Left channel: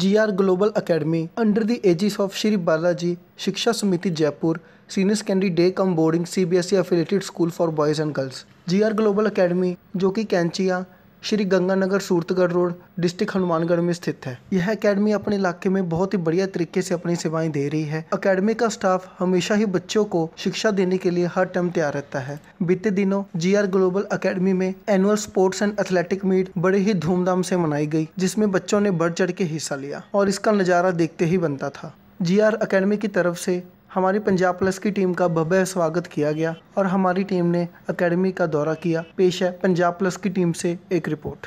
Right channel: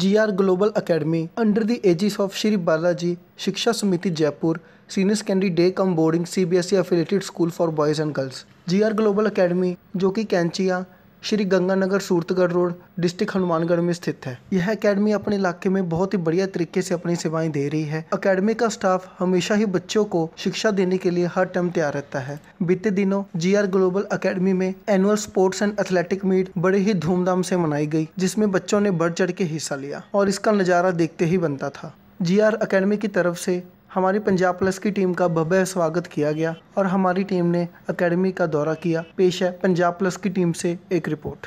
GR Global Academy under the aegis of Shri Balaji Shiksha Samiti Jaipur Senior Secondary Day Cum Boarding CBSE affiliated school for boys and girls। GR Global Academy जो कि Kainchiya Shri Ganganagar Suratgarh road district Hanumangarh में स्थित है। यह academy अपने इलाके में बहुत ही बढ़िया तरीके से अपनी सेवाएं दे रही है। एकेडमी का स्टाफ हमेशा ही बच्चों को शिक्षा देने के लिए हर टाइम तैयार रहता है। बीते दिनों GR ग्लोबल एकेडमी में annual sports and athletic meet बड़े ही धूमधाम से मनाई गई, जिसमें बच्चों ने बढ़ चढ़ के हिस्सा लिया और इसका नज़ारा देखते ही बनता था। GR एकेडमी की तरफ से हमारी पंजाब प्लस की टीम का भव्य स्वागत किया गया और हमारी टीम ने एकेडमी का दौरा किया। पेश है पंजाब प्लस की टीम से एक report.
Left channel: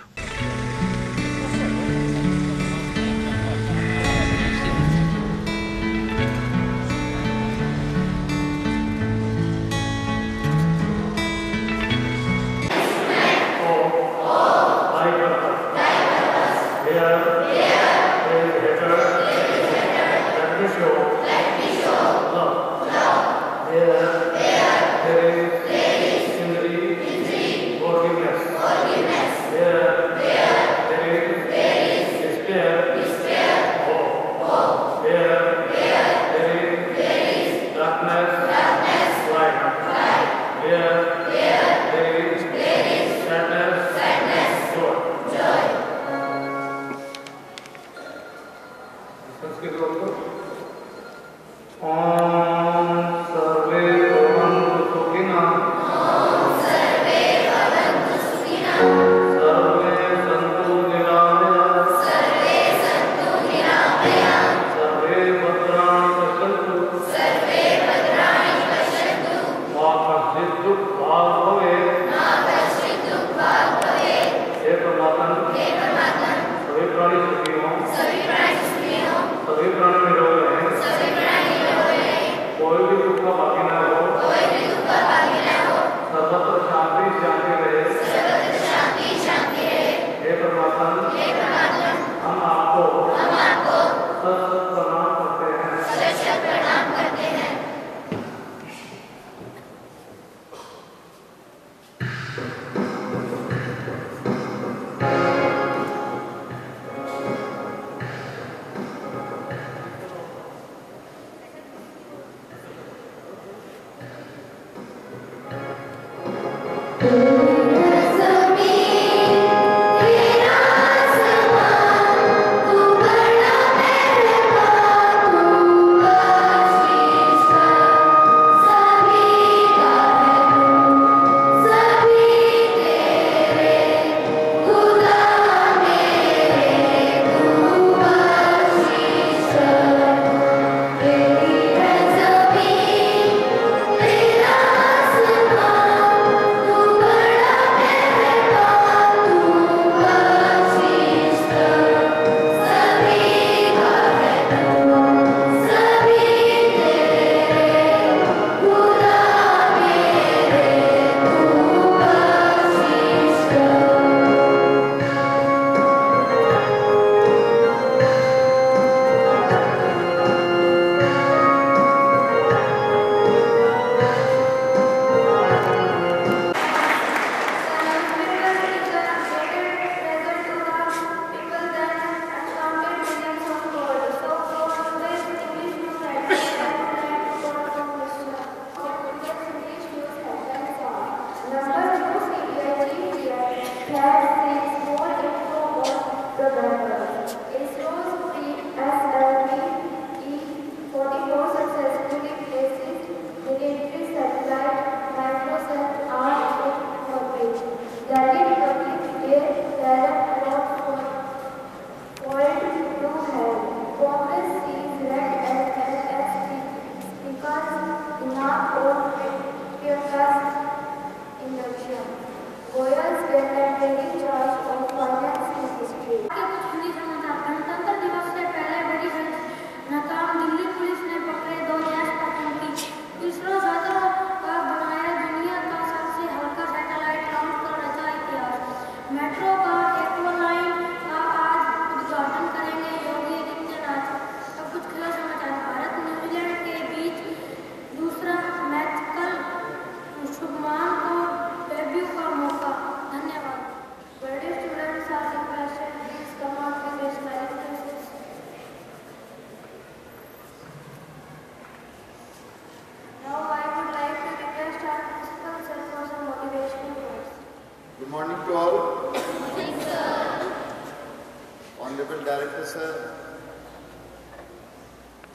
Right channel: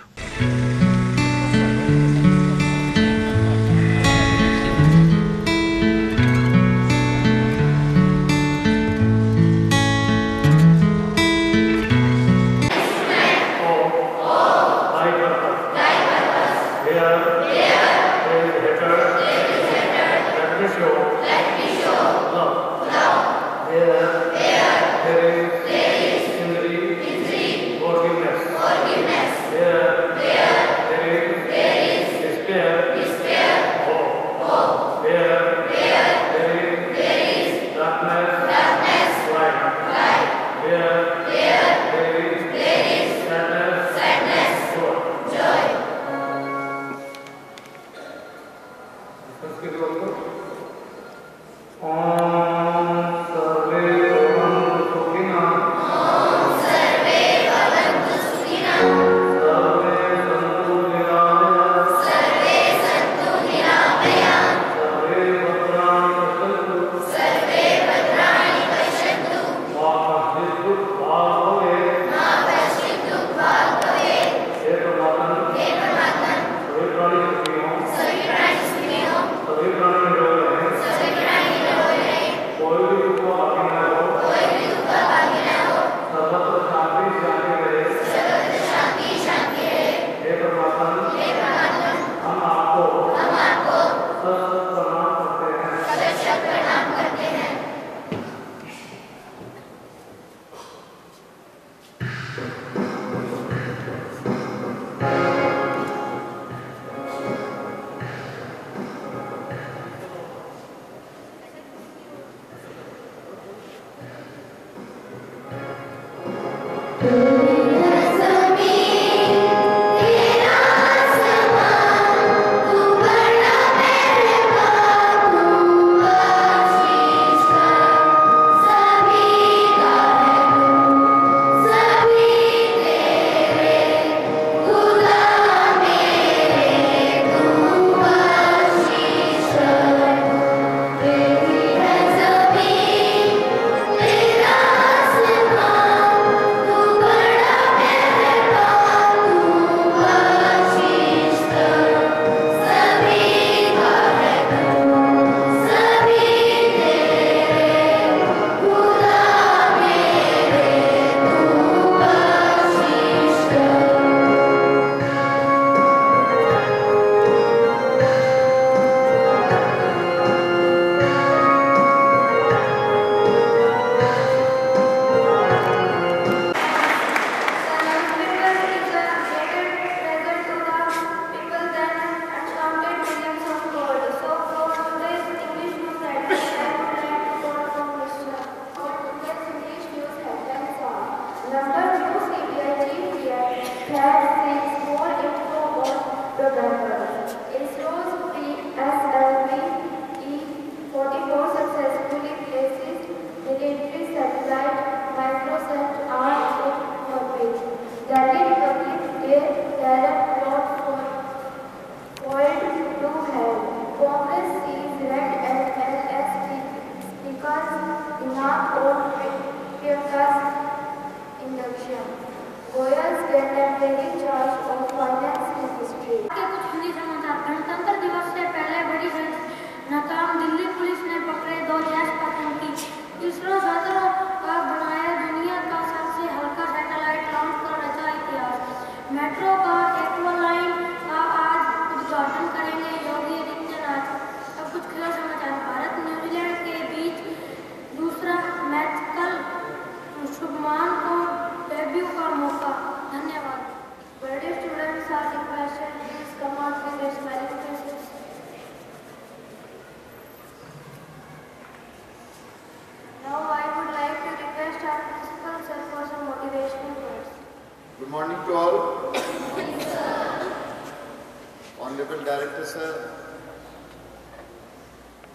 Director Sir,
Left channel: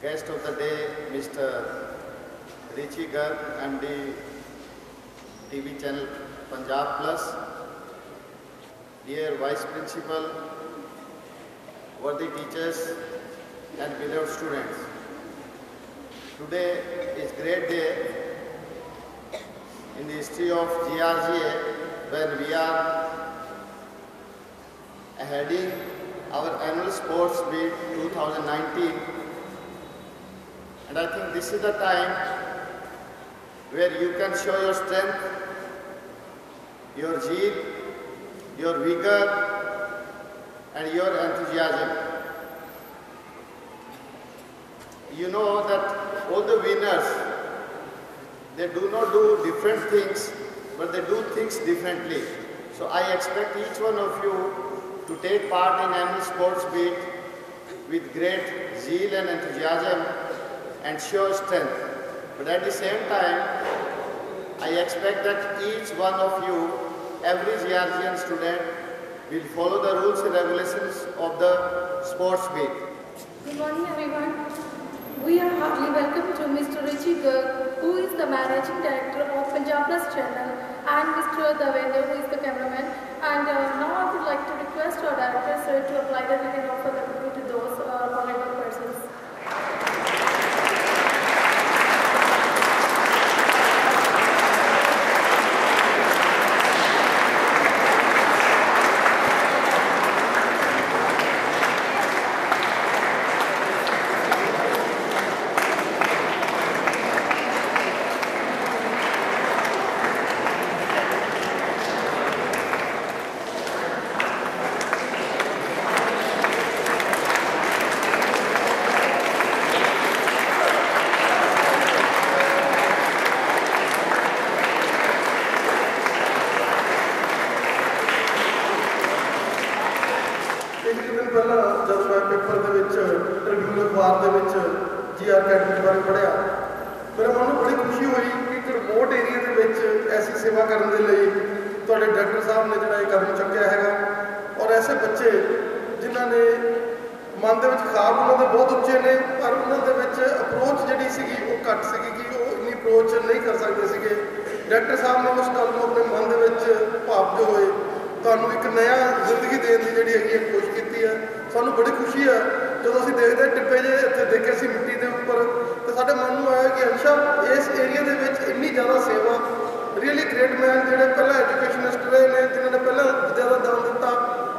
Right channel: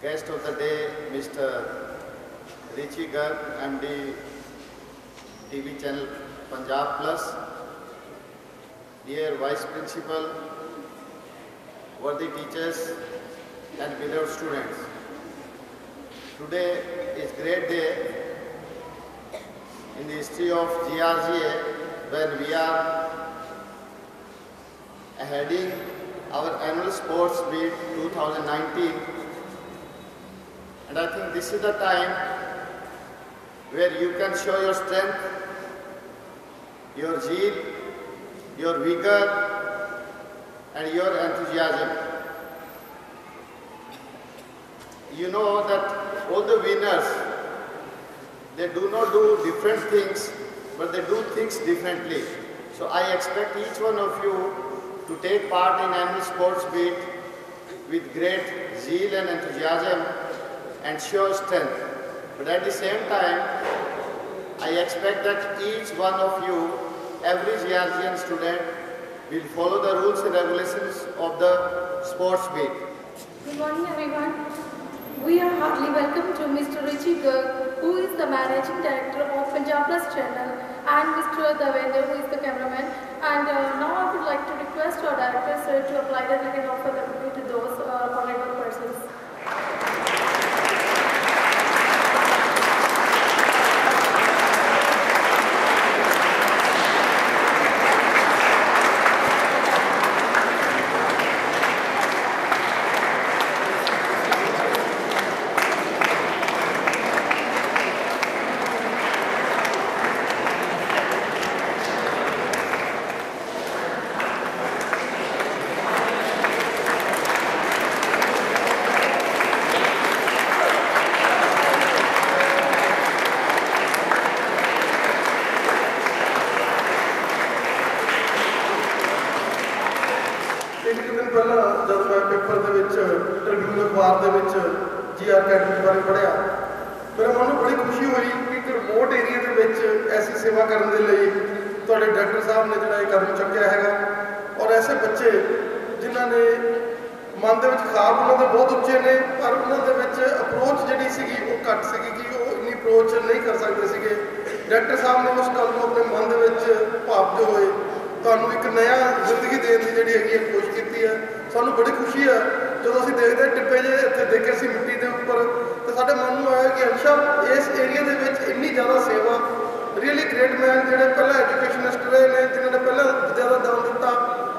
guest of the day, Mr. Richi Garg, MD, TV channel Punjab Plus, dear Vice Principal, worthy teachers and beloved students. Today is great day in the history of GRGA when we are heading our annual sports meet 2019, and I think this is the time where you can show your strength, your zeal, your vigor and your enthusiasm. You know that all the winners, they do not do different things, but they do things differently. So I expect each one of you to take part in annual sports meet with great zeal and enthusiasm and show strength. But at the same time, I expect that each one of you, every GRGN student, will follow the rules and regulations of the sports meet. Good morning everyone. We are heartily welcome to Mr. Richi Garg, who is the Managing Director of Punjab Plus channel, and Mr. Davendra, who is the cameraman. And now I would like to request our Director Sir to apply the written offer to those honorable persons. एक दिन पहला जब मैं paper के Tribune अखबार के GR academy बारे पढ़िया, मेरे मन में बड़ी खुशी हुई कि एक रिमोट एरिया के ऐसी सेवा करने के लिए तुहाडे डायरेक्टर साहब ने जिहड़ा कदम चुक्या है, और ऐसे बच्चे जिन्होंने मन के ख्वाब उन्होंने बहुत उच्चे ने, पर उन्होंने अप्रोच जी सी घट सी कि वो इन्नी अप्रोच नहीं कर सकते थे। डायरेक्टर साहब ने उस गल को अपने मन के भावते हुए ਤੁਹਾਨੂੰ एक नया जिंदगी देने की जी है कोशिश की है। सानू बड़ी खुशी है जो असीं देखते हैं टिप्पे जे इत्थे देखे सी मिट्टी के उपर, तो साडे मन में आया कि अच्छा इस एरिया के इन्नी ज़्यादा सेवा, रियली ग्रेट मैन जिहड़े पहला एजुकेशनिस्ट रहे हैं, जिन्होंने पहला विद्या का दान दिता,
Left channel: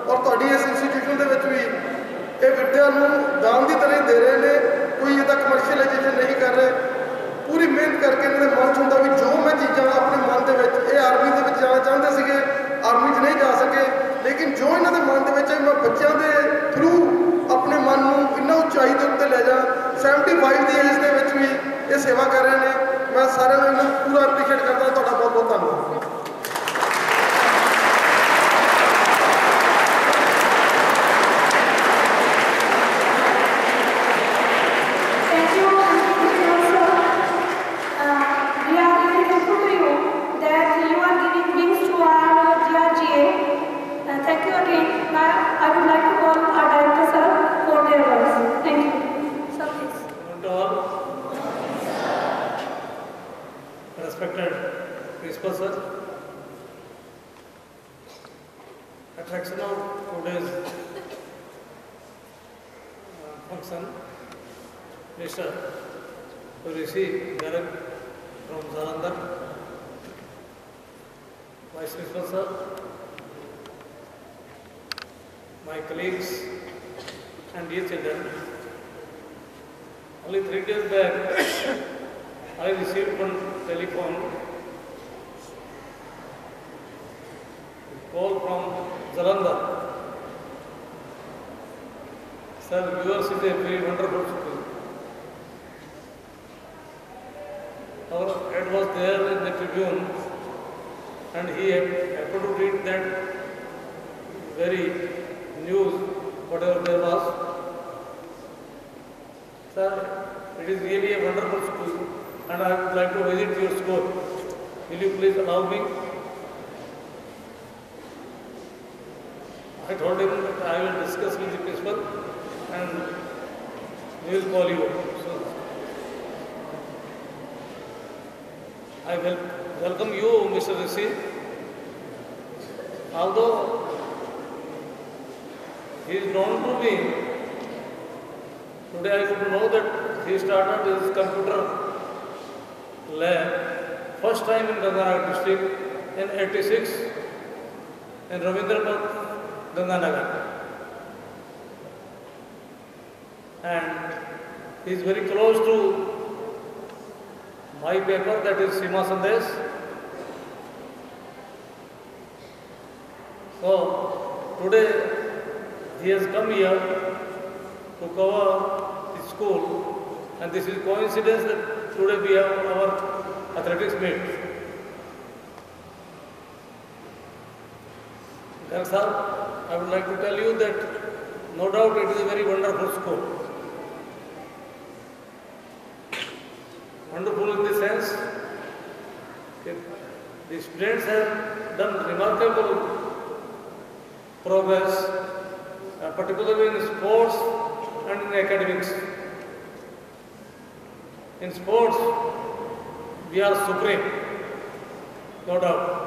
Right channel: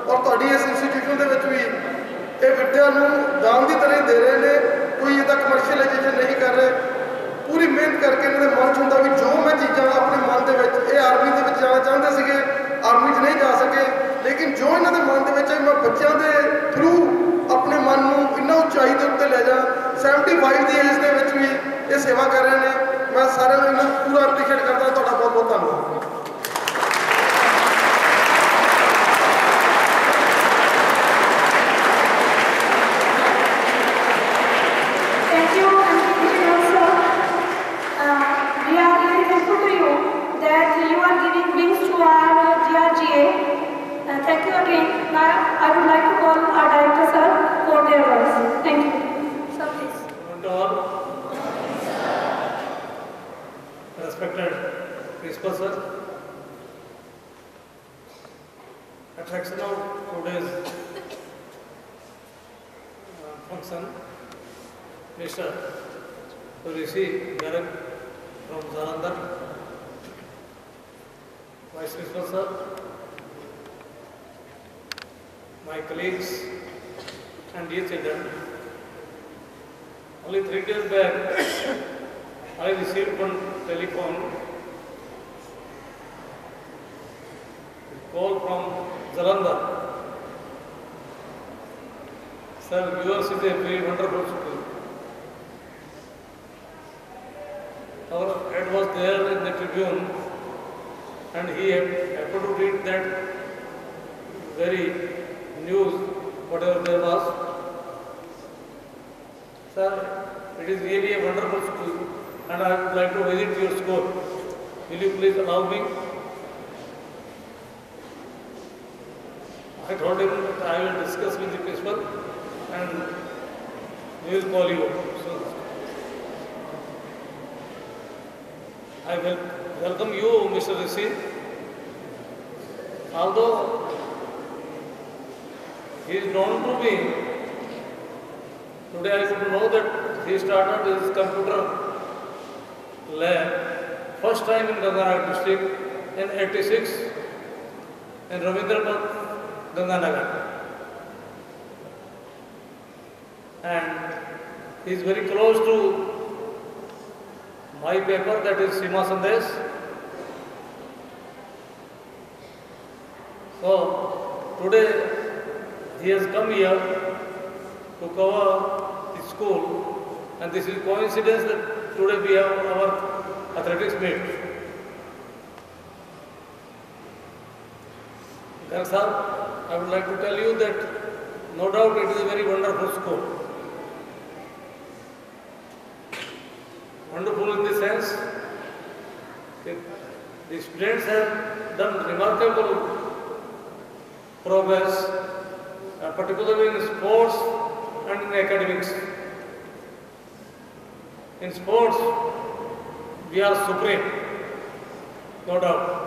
और तुहाडी इस इंस्टीट्यूशन के भी ये विद्या नूं दान की तरह दे रहे हैं, कोई इहदा कमर्शियलाइजेशन नहीं कर रहे, पूरी मेहनत करके इन्होंने मन च हुंदा भी जो मैं चीज़ां अपने मन के आर्मी के जाना चाहते थे, आर्मी च नहीं जा सके, लेकिन जो इन्होंने मन के मैं बच्चों के थ्रू अपने मन को इन्ना उचाई के उत्ते ले जा, 75 की एज के भी ये सेवा कर रहे हैं। मैं सारे पूरा अप्रीशिएट करता, तुहाडा बहुत बहुत धन्यवाद। Thank you again. Now I would like to call our Director Sir for their words. Thank you. Sir, please. To all respected Principal Sir, attraction of today's function, Mr. Richi Garg from Jalandhar, Vice Principal Sir, my colleagues and dear children, only 3 days back I received one telephone call from Jalandhar. Sir, yours is a very wonderful school. Our head was there in the Tribune, and he happened to read that very news, whatever there was. Sir, it is really a wonderful school, and I would like to visit your school. Will you please allow me? I told him that I will discuss with the principal. and we will call you. So, I will welcome you, Mr. Rishi. Although he is known to me, today I could know that he started his computer lab first time in Ganganagar district in 86 in Ravindrapad, Ganganagar. And he is very close to my paper, that is Sima Sandesh. So today he has come here to cover the school, and this is coincidence that today we have our athletics meet. Garg sir, I would like to tell you that no doubt it is a very wonderful school. Wonderful in the sense that the students have done remarkable progress, particularly in sports and in academics. In sports, we are supreme, no doubt.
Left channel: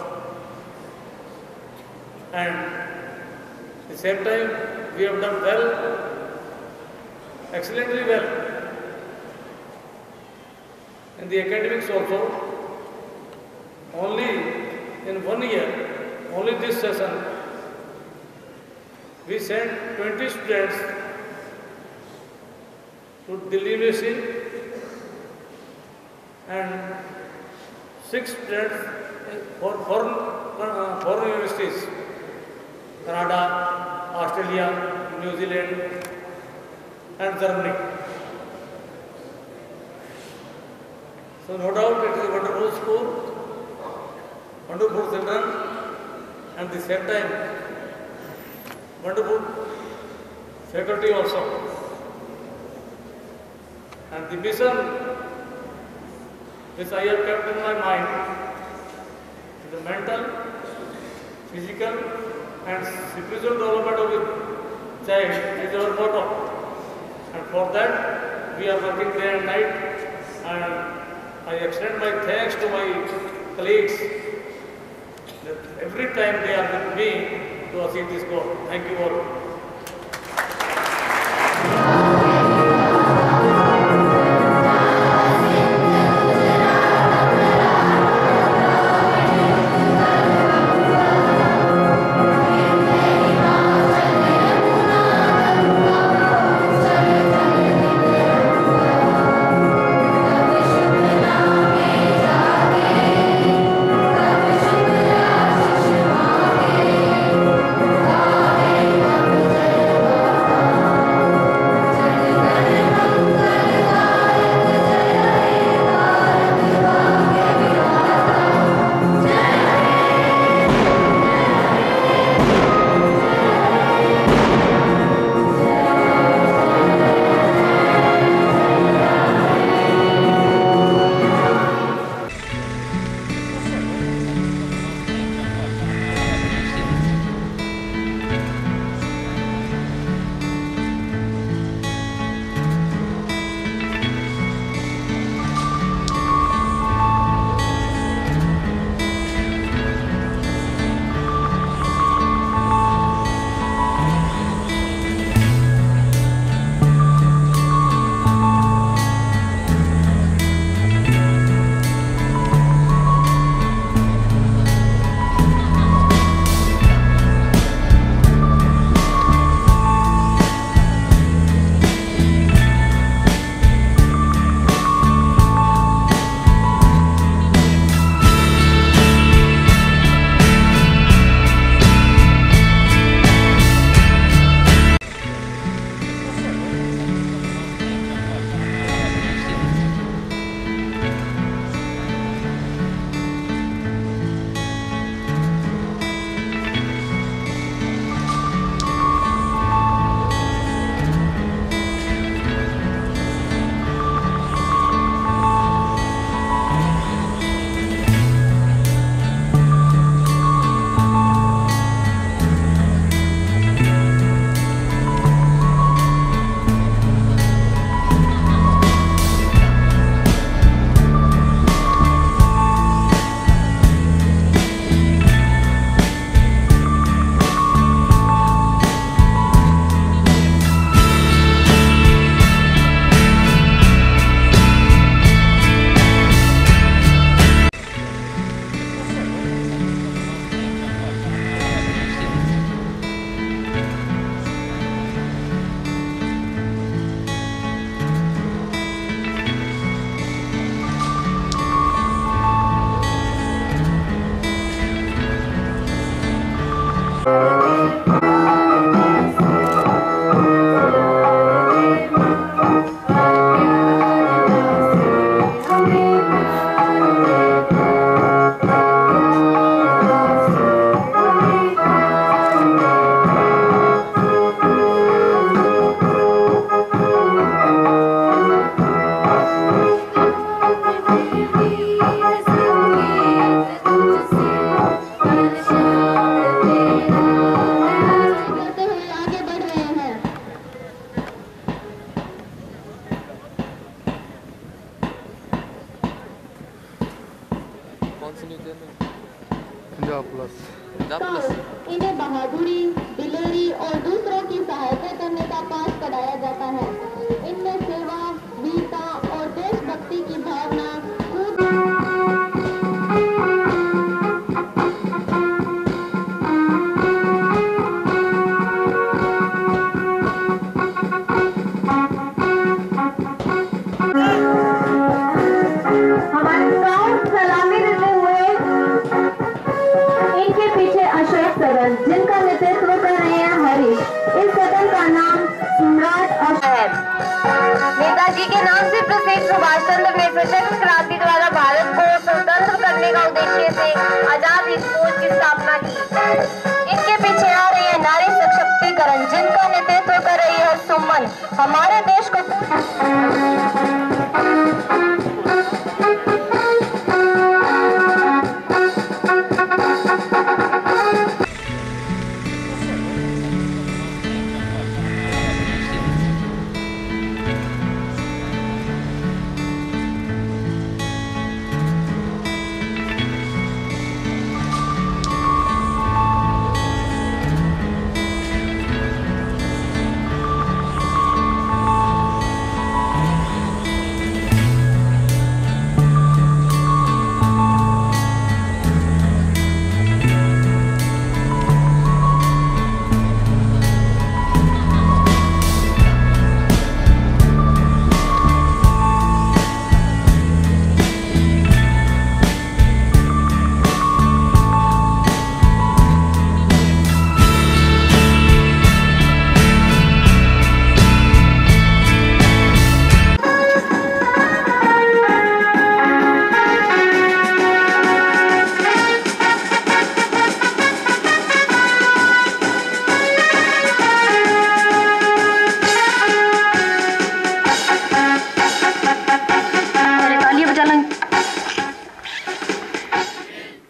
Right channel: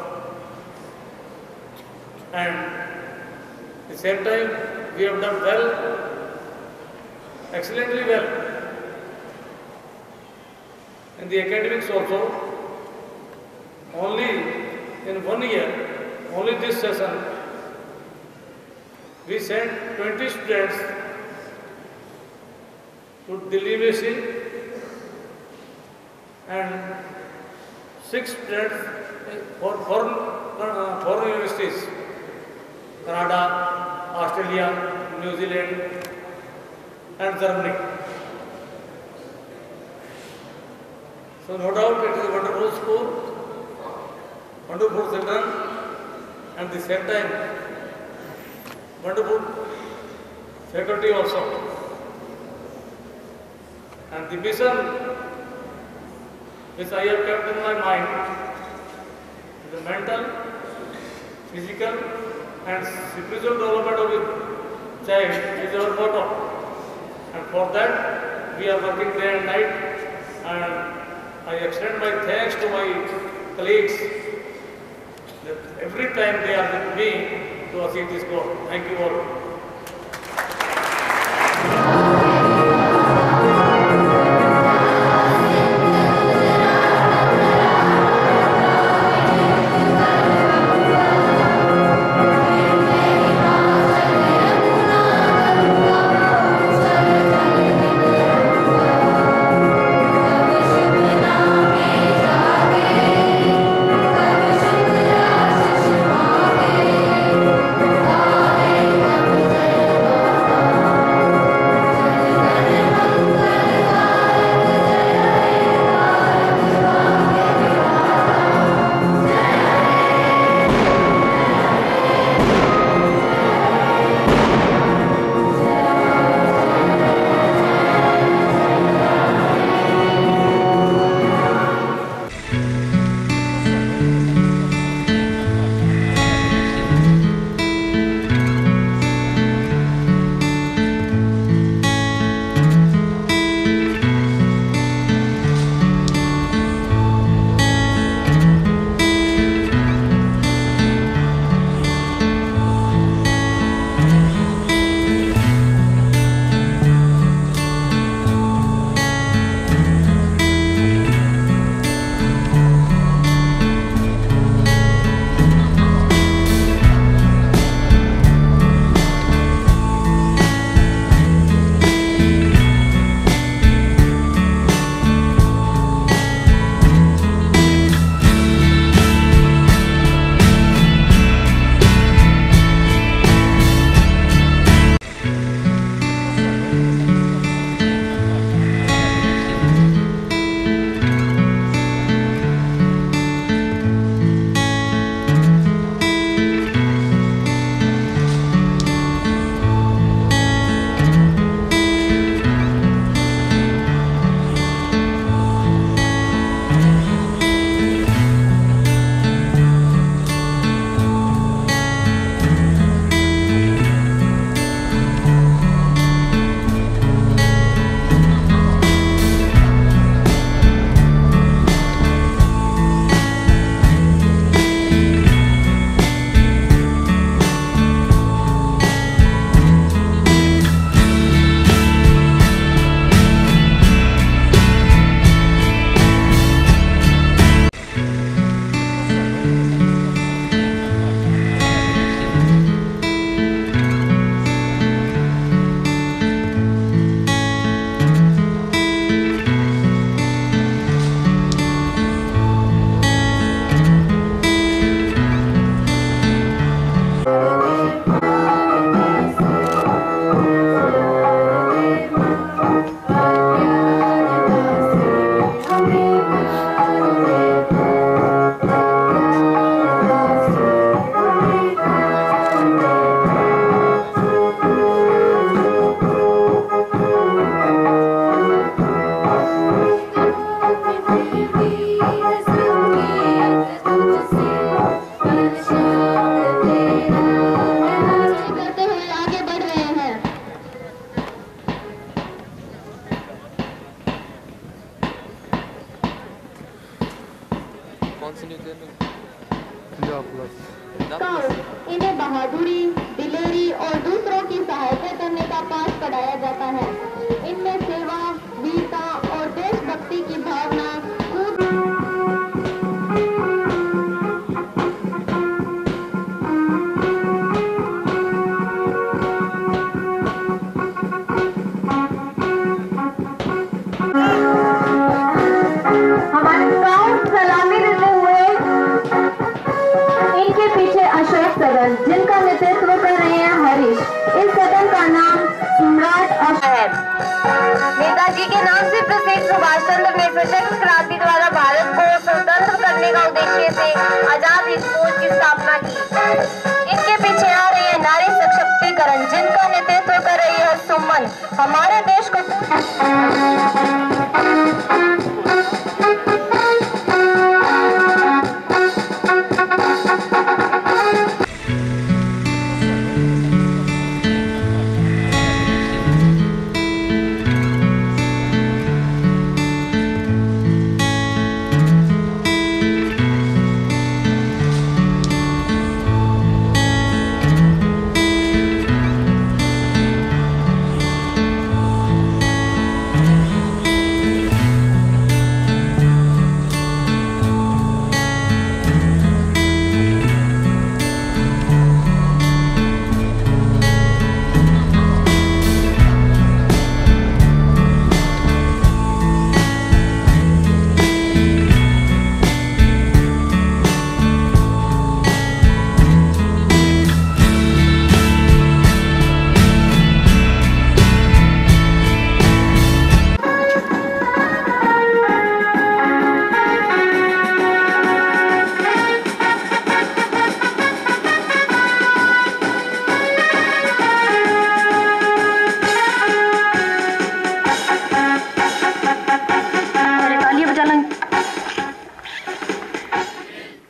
And at the same time, we have done well, excellently well. In the academics also, only in 1 year, only this session, we sent 20 students to Delhi University and 6 students for foreign universities, Canada, Australia, New Zealand and Germany. So no doubt it is a wonderful school, wonderful children, and at the same time, wonderful faculty also. And the mission which I have kept in my mind, the mental, physical and spiritual development of the child is our motto. And for that, we are working day and night, and I extend my thanks to my colleagues that every time they are with me to achieve this goal. Thank you all. कौन सी news देने? Punjab plus. इन्हें बहादुरी, दिलेरी और दूसरों की सहायता करने का पाठ पढ़ाया जाता है। इनमें सेवा, वीरता और देशभक्ति की भावना हमारे स्काउट सलामी देते हुए इनके पीछे अशोक सदन, जिनका नेतृत्व कर रहे हैं हरीश। इस सदन का नाम सम्राट अशोक नेताजी के नाम से प्रसिद्ध सुभाष चंद्र ने सशस्त्र क्रांति द्वारा भारत को स्वतंत्र करने का उद्देश्य से आजाद हिंद फौज की स्थापना की। इनके पीछे आ रहे हैं नारी सशक्तिकरण, जिनका नेतृत्व कर रही है सुमन। हमारे देश को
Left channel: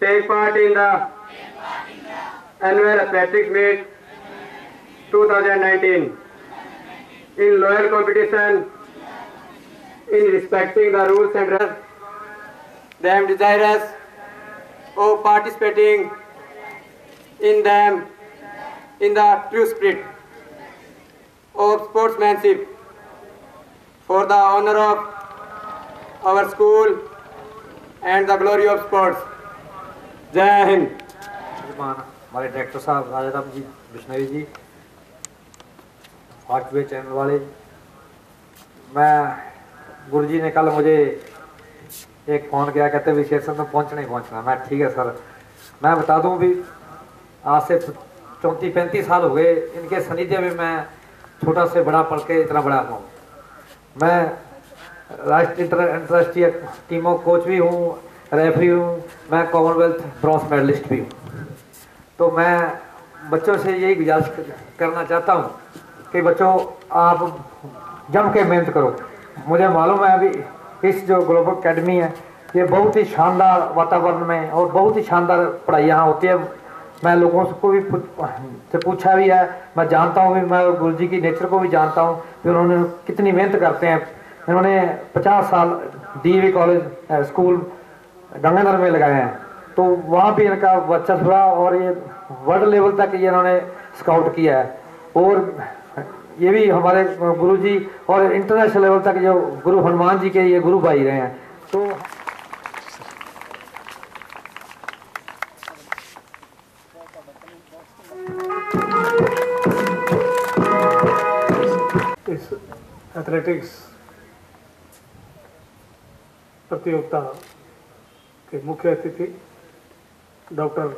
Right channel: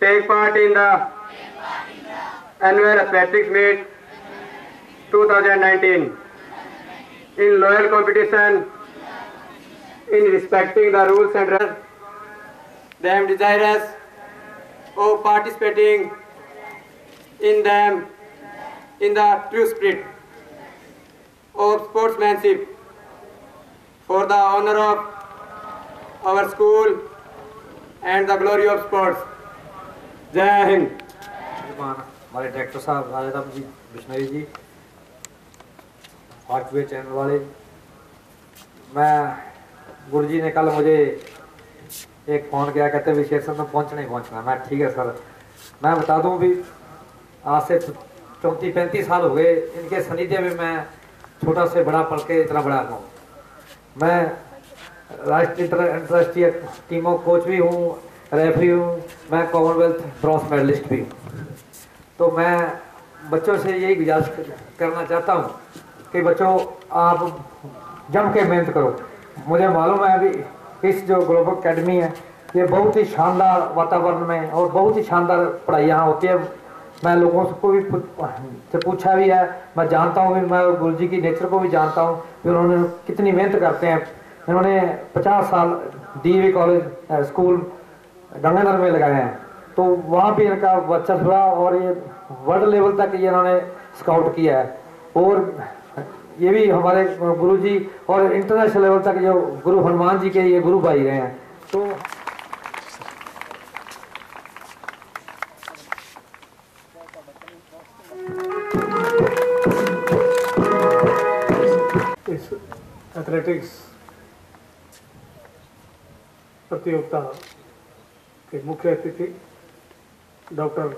take part in the annual athletics meet 2019 in loyal competition in respecting the rules and rules. They am desirous of participating in them in the true spirit of sportsmanship for the honor of our school and the glory of sports. जय हिंद। हमारे director साहब राजा जी बिश्नोई जी, Fastway channel वाले, मैं गुरु जी ने कल मुझे एक phone किया, कहते भी शेर में पहुंचना ही पहुंचना। मैं ठीक है सर। मैं बता दूं भी आज से 34-35 साल हो गए इनके सानिध्य में मैं छोटा से बड़ा पढ़ के इतना बड़ा हूँ। मैं राष्ट्रीय अंतर्राष्ट्रीय टीमों कोच भी हूँ, रेफरी हूँ, मैं कॉमनवेल्थ ब्रॉन्ज मेडलिस्ट भी हूँ। तो मैं बच्चों से यही गुजारिश करना चाहता हूँ कि बच्चों आप जम के मेहनत करो। मुझे मालूम है अभी इस जो ग्लोबल एकेडमी है ये बहुत ही शानदार वातावरण में और बहुत ही शानदार पढ़ाई यहाँ होती है। मैं लोगों को भी से पूछा भी है, मैं जानता हूँ भी, मैं गुरु जी की नेचर को भी जानता हूँ कि उन्होंने कितनी मेहनत करते हैं। इन्होंने 50 साल DAV कॉलेज स्कूल गंगानगर में लगाए हैं, तो वहाँ भी इनका वर्चस्व रहा और ये वर्ल्ड लेवल तक ये इन्होंने स्काउट किया है। और ये भी हमारे गुरु जी और इंटरनेशनल लेवल तक जो गुरु हनुमान जी के ये गुरु भाई रहे हैं। तो इस एथलेटिक्स प्रतियोगिता के मुख्य अतिथि डॉक्टर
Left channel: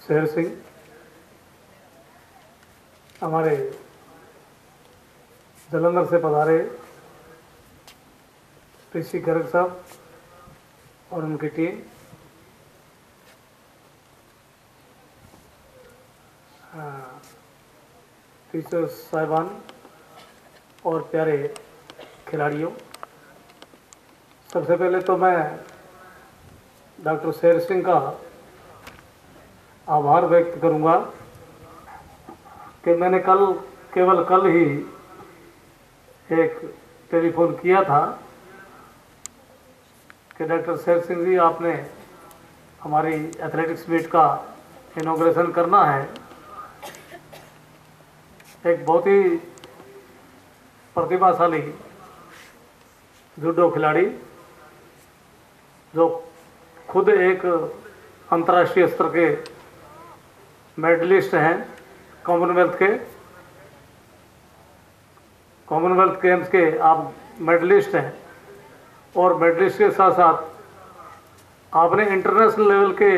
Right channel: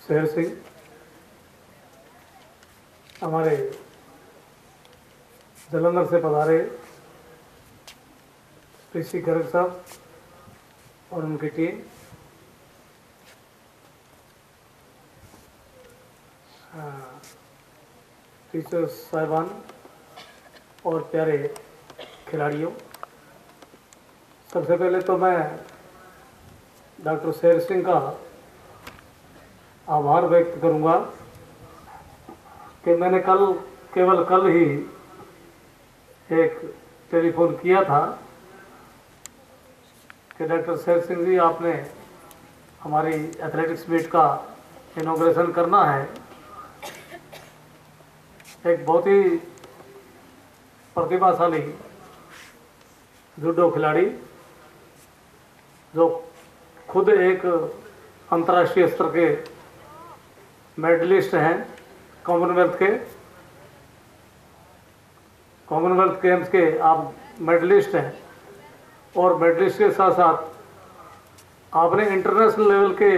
शेर सिंह, हमारे जालंधर से पधारे ऋषि गर्ग साहब और उनकी टीम, टीचर्स साहिबान और प्यारे खिलाड़ियों, सबसे पहले तो मैं डॉक्टर शेर सिंह का आभार व्यक्त करूंगा कि मैंने केवल कल ही एक टेलीफोन किया था कि डॉक्टर शेर सिंह जी आपने हमारी एथलेटिक्स मीट का इनॉग्रेशन करना है। एक बहुत ही प्रतिभाशाली जूडो खिलाड़ी जो खुद एक अंतर्राष्ट्रीय स्तर के मेडलिस्ट हैं, कॉमनवेल्थ गेम्स के आप मेडलिस्ट हैं, और मेडलिस्ट के साथ साथ आपने इंटरनेशनल लेवल के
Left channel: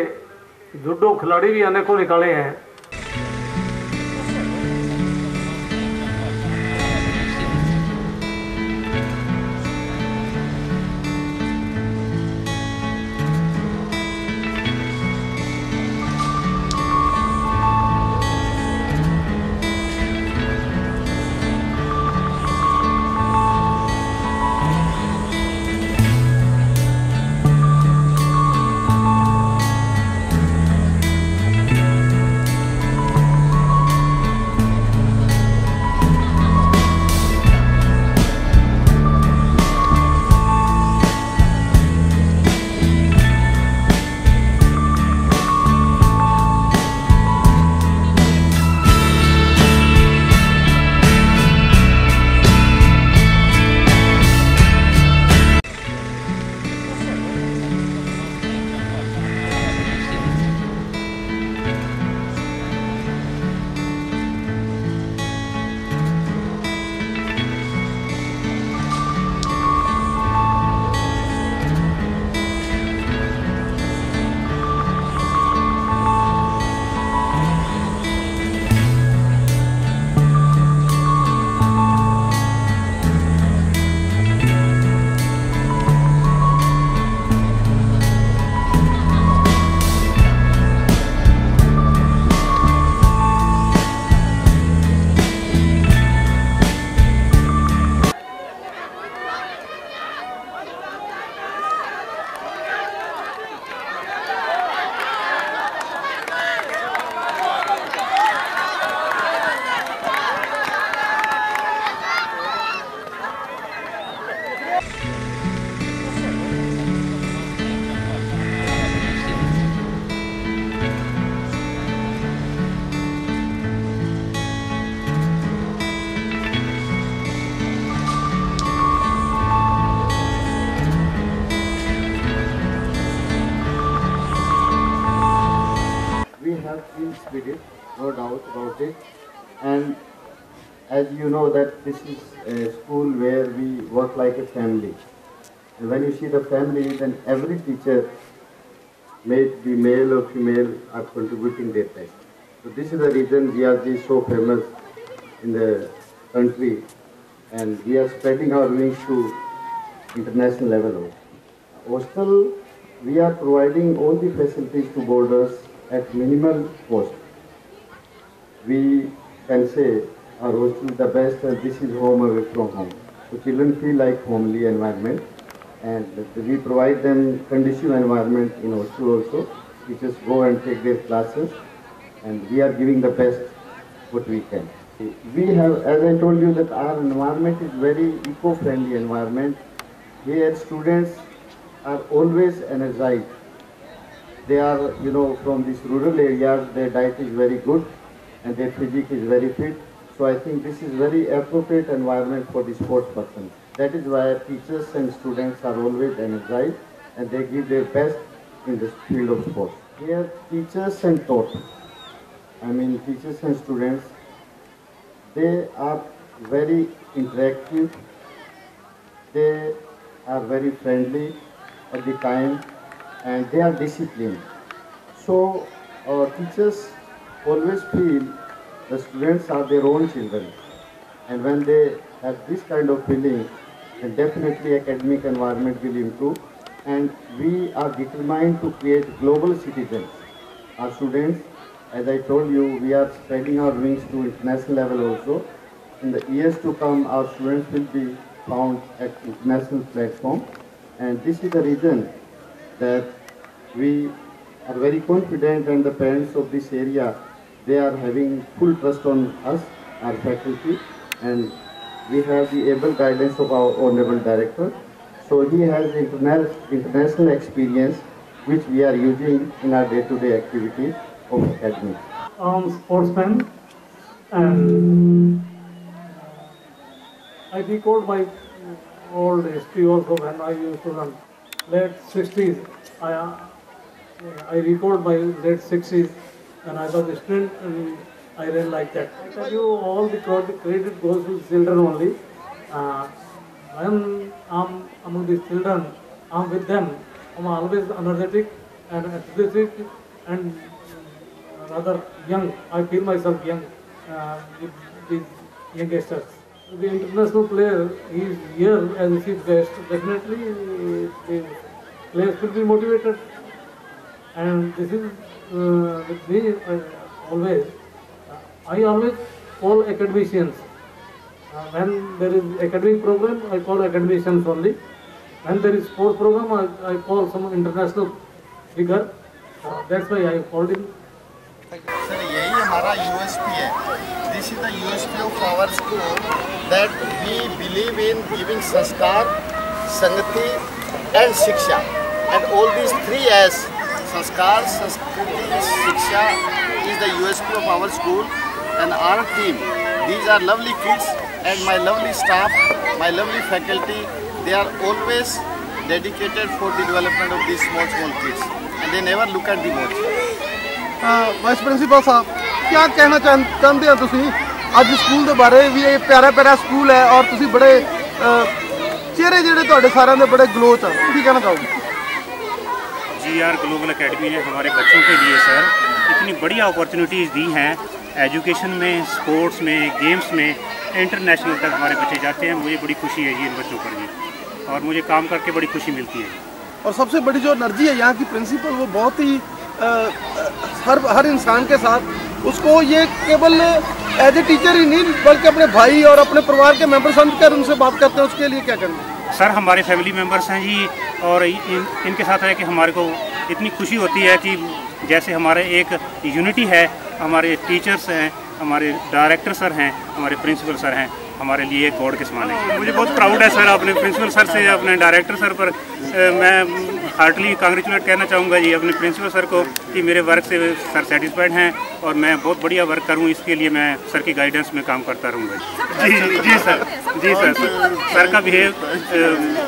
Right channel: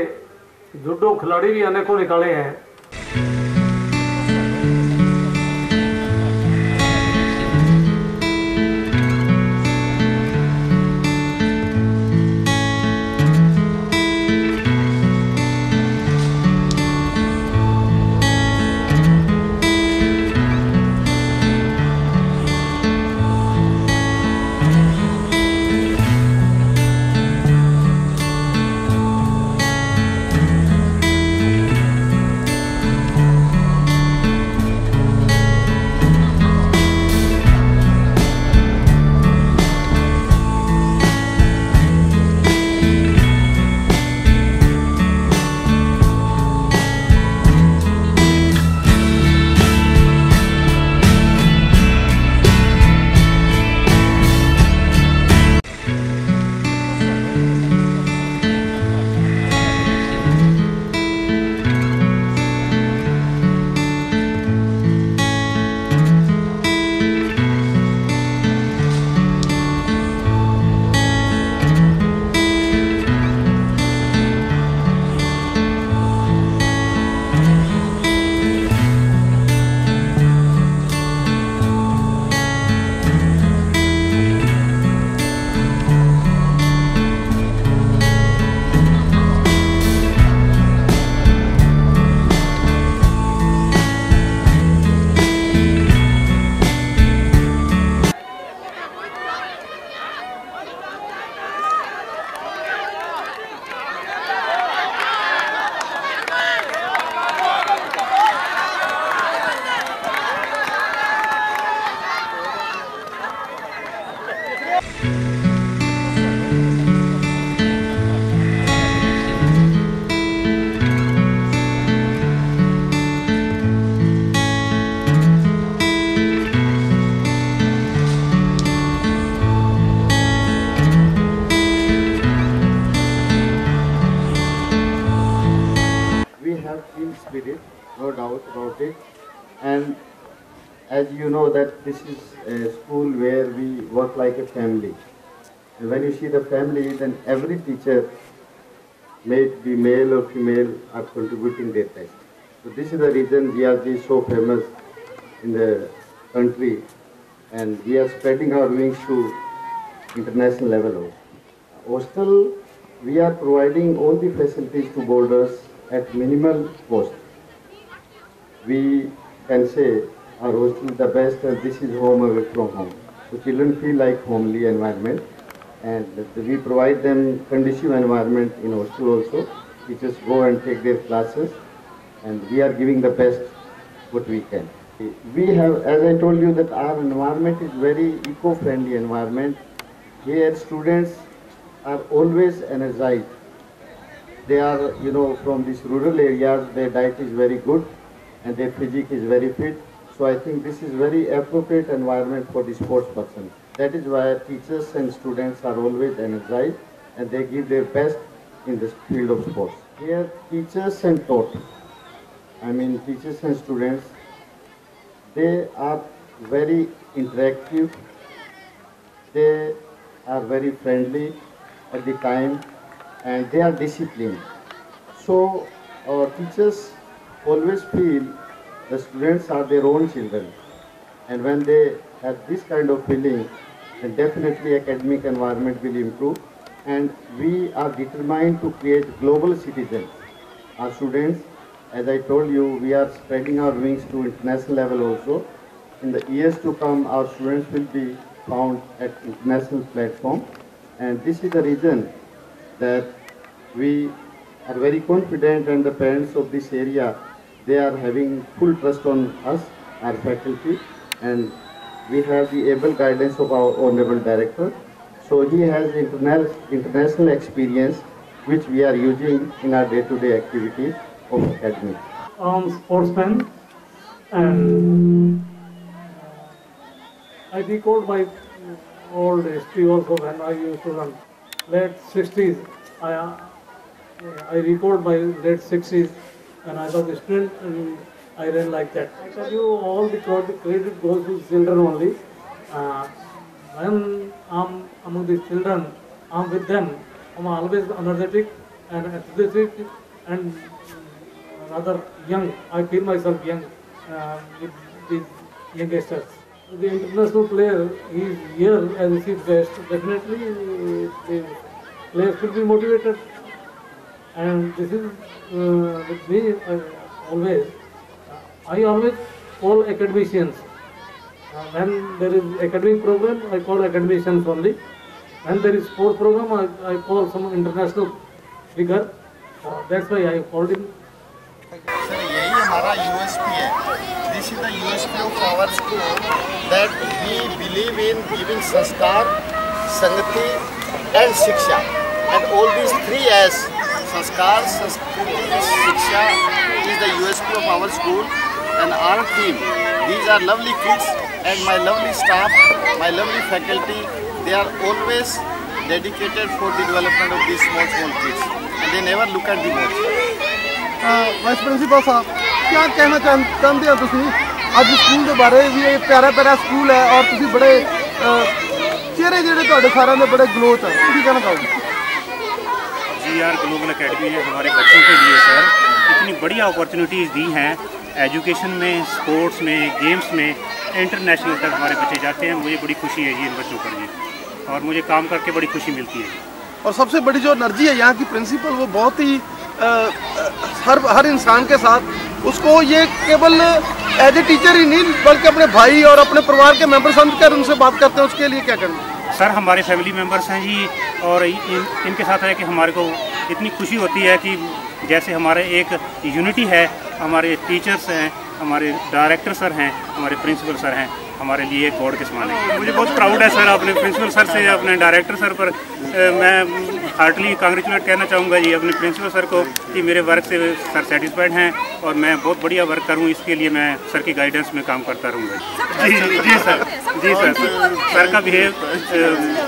जूडो खिलाड़ी भी अनेकों निकाले हैं। Spirit, no doubt about it. And as you know that this is a school where we work like a family. And when you see the family, then every teacher, may it be male or female, are contributing their best. So this is the reason GRG is so famous in the country, and we are spreading our wings to international level also. Hostel, we are providing all the facilities to boarders at minimal cost. We can say our hostel is the best and this is home away from home. So children feel like homely environment, and we provide them conducive environment in hostel also. Teachers go and take their classes, and we are giving the best what we can. We have, as I told you, that our environment is very eco-friendly environment. Here students are always energized. They are, from these rural areas, their diet is very good and their physique is very fit. So I think this is very appropriate environment for the sports person. That is why teachers and students are always energized and they give their best in this field of sports. Here teachers and teachers and students, they are very interactive, they are very friendly at the time, and they are disciplined. So our teachers always feel the students are their own children, and when they have this kind of feeling, then definitely academic environment will improve, and we are determined to create global citizens. Our students, as I told you, we are spreading our wings to international level also. In the years to come, our students will be found at international platform, and this is the reason that we are very confident, and the parents of this area, they are having full trust on us, our faculty, and we have the able guidance of our Honorable Director. So he has international experience which we are using in our day-to-day activities of academy. Sportsman, and I recalled my old history also when I used to run. Late 60s, I recalled my late 60s when I was a student and I ran like that. I tell you, all the credit goes to children only. When I'm among these children, I'm with them. I'm always energetic and enthusiastic and rather young. I feel myself young with these youngsters. The international player is here as a chief guest. Definitely, the players will be motivated. And this is with me always. I always call academicians. When there is academic program, I call academicians only. When there is sport program, I call some international figure. That's why I called him. Sir, यही हमारा USP है. This is the USP of our school, that we believe in giving sanskar, sangati, and shiksha. And all these three as sanskar, sanskriti, shiksha is the USP of our school and our team. These are lovely kids and my lovely staff, my lovely faculty. They are always dedicated for the development of these small kids, and they never look at the watch. Vice principal ਸਾਹਿਬ क्या कहना ਚਾਹੁੰਦੇ ਹੋ ਤੁਸੀਂ ਅੱਜ school ਦੇ ਬਾਰੇ ਵੀ ਇਹ ਪਿਆਰਾ school ਹੈ और ਤੁਸੀਂ ਬੜੇ ਚਿਹਰੇ ਜਿਹੜੇ ਤੁਹਾਡੇ ਸਾਰਿਆਂ ਦੇ ਬੜੇ ਗਲੋ ਚ ਕੀ ਕਹਿਣਾ ਚਾਹੋਗੇ GR ग्लोबल एकेडमी ने हमारे बच्चों के लिए सर इतनी बढ़िया अपॉर्चुनिटीज़ दी हैं एजुकेशन में, स्पोर्ट्स में, गेम्स में, इंटरनेशनल तक हमारे बच्चे जाते हैं। मुझे बड़ी खुशी है जी इन बच्चों पर जी, और मुझे काम करके बड़ी खुशी मिलती है। और सबसे बड़ी जो एनर्जी है यहाँ की प्रिंसिपल, वो बहुत ही हर इंसान के साथ उसको ये केवल एज ए टीचर ही नहीं बल्कि अपने भाई और अपने परिवार के मेंबर समझकर उनसे बात करते हैं। उसके लिए क्या करना सर? हमारे फैमिली मेंबर्स हैं जी, और इनके साथ है कि हमारे को इतनी खुशी होती है कि जैसे हमारे एक यूनिटी है, हमारे टीचर्स हैं, हमारे डायरेक्टर सर हैं, हमारे प्रिंसिपल सर हैं, हमारे लिए एक गॉड के समान है। मुझे बहुत प्राउड है सर अपने प्रिंसिपल सर से, अपने डायरेक्टर सर पर। मैं हार्टली कांग्रेचुलेट कहना चाहूँगा जी अपने प्रिंसिपल सर को कि मेरे वर्क से सर सेटिस्फाइड हैं और मैं बहुत बढ़िया वर्क करूँ, इसके लिए मैं सर की गाइडेंस में काम करता रहूँगा। जी सर, जी सर। सर का बिहेव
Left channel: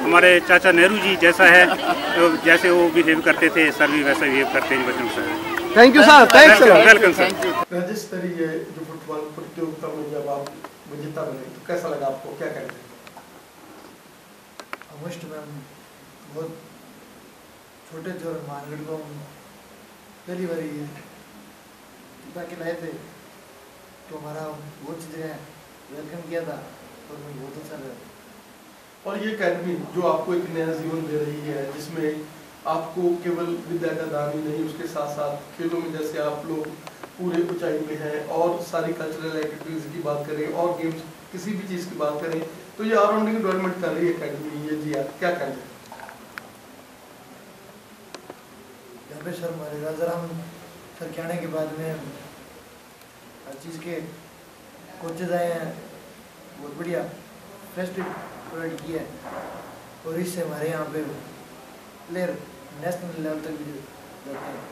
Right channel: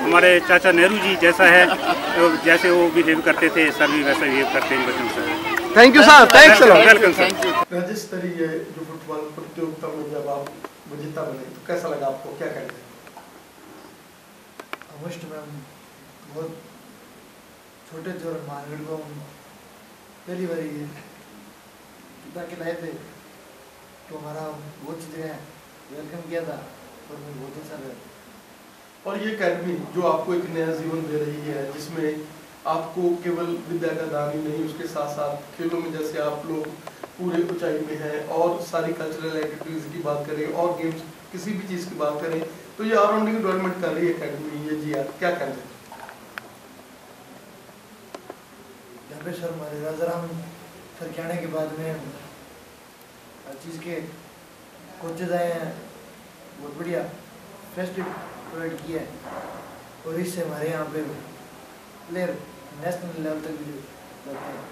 हमारे चाचा नेहरू जी जैसा है, जैसे वो बिहेव करते थे सर भी वैसा बिहेव करते हैं बच्चों से। Thank you sir, thanks welcome sir. राज्य स्तरीय जो फुटबॉल प्रतियोगिता में जब आप विजेता बने तो कैसा लगा आपको, क्या कहते हैं? मैम बहुत छोटे थे और मानगढ़ को पहली बार के लाए थे तो हमारा बहुत जगह वेलकम किया था और मुझे बहुत अच्छा लगा। और ये अकेडमी जो आपको एक नया जीवन दे रही है, जिसमें आपको केवल विद्या का दान ही नहीं, उसके साथ साथ खेलों में जैसे आप लोग पूरे ऊंचाई में हैं और सारी कल्चरल एक्टिविटीज की बात करें और गेम्स किसी भी चीज़ की बात करें तो ये ऑलराउंडिंग डेवलपमेंट कर रही है अकेडमी। ये जी आप क्या कहते हैं? यहाँ पे सर हमारे राजाराम सर के आने के बाद में हर चीज़ के कोचेज आए हैं, बहुत बढ़िया फेस्टिव प्रोवाइड किया है और इससे हमारे यहाँ पे प्लेयर नेशनल लेवल तक भी जाते हैं।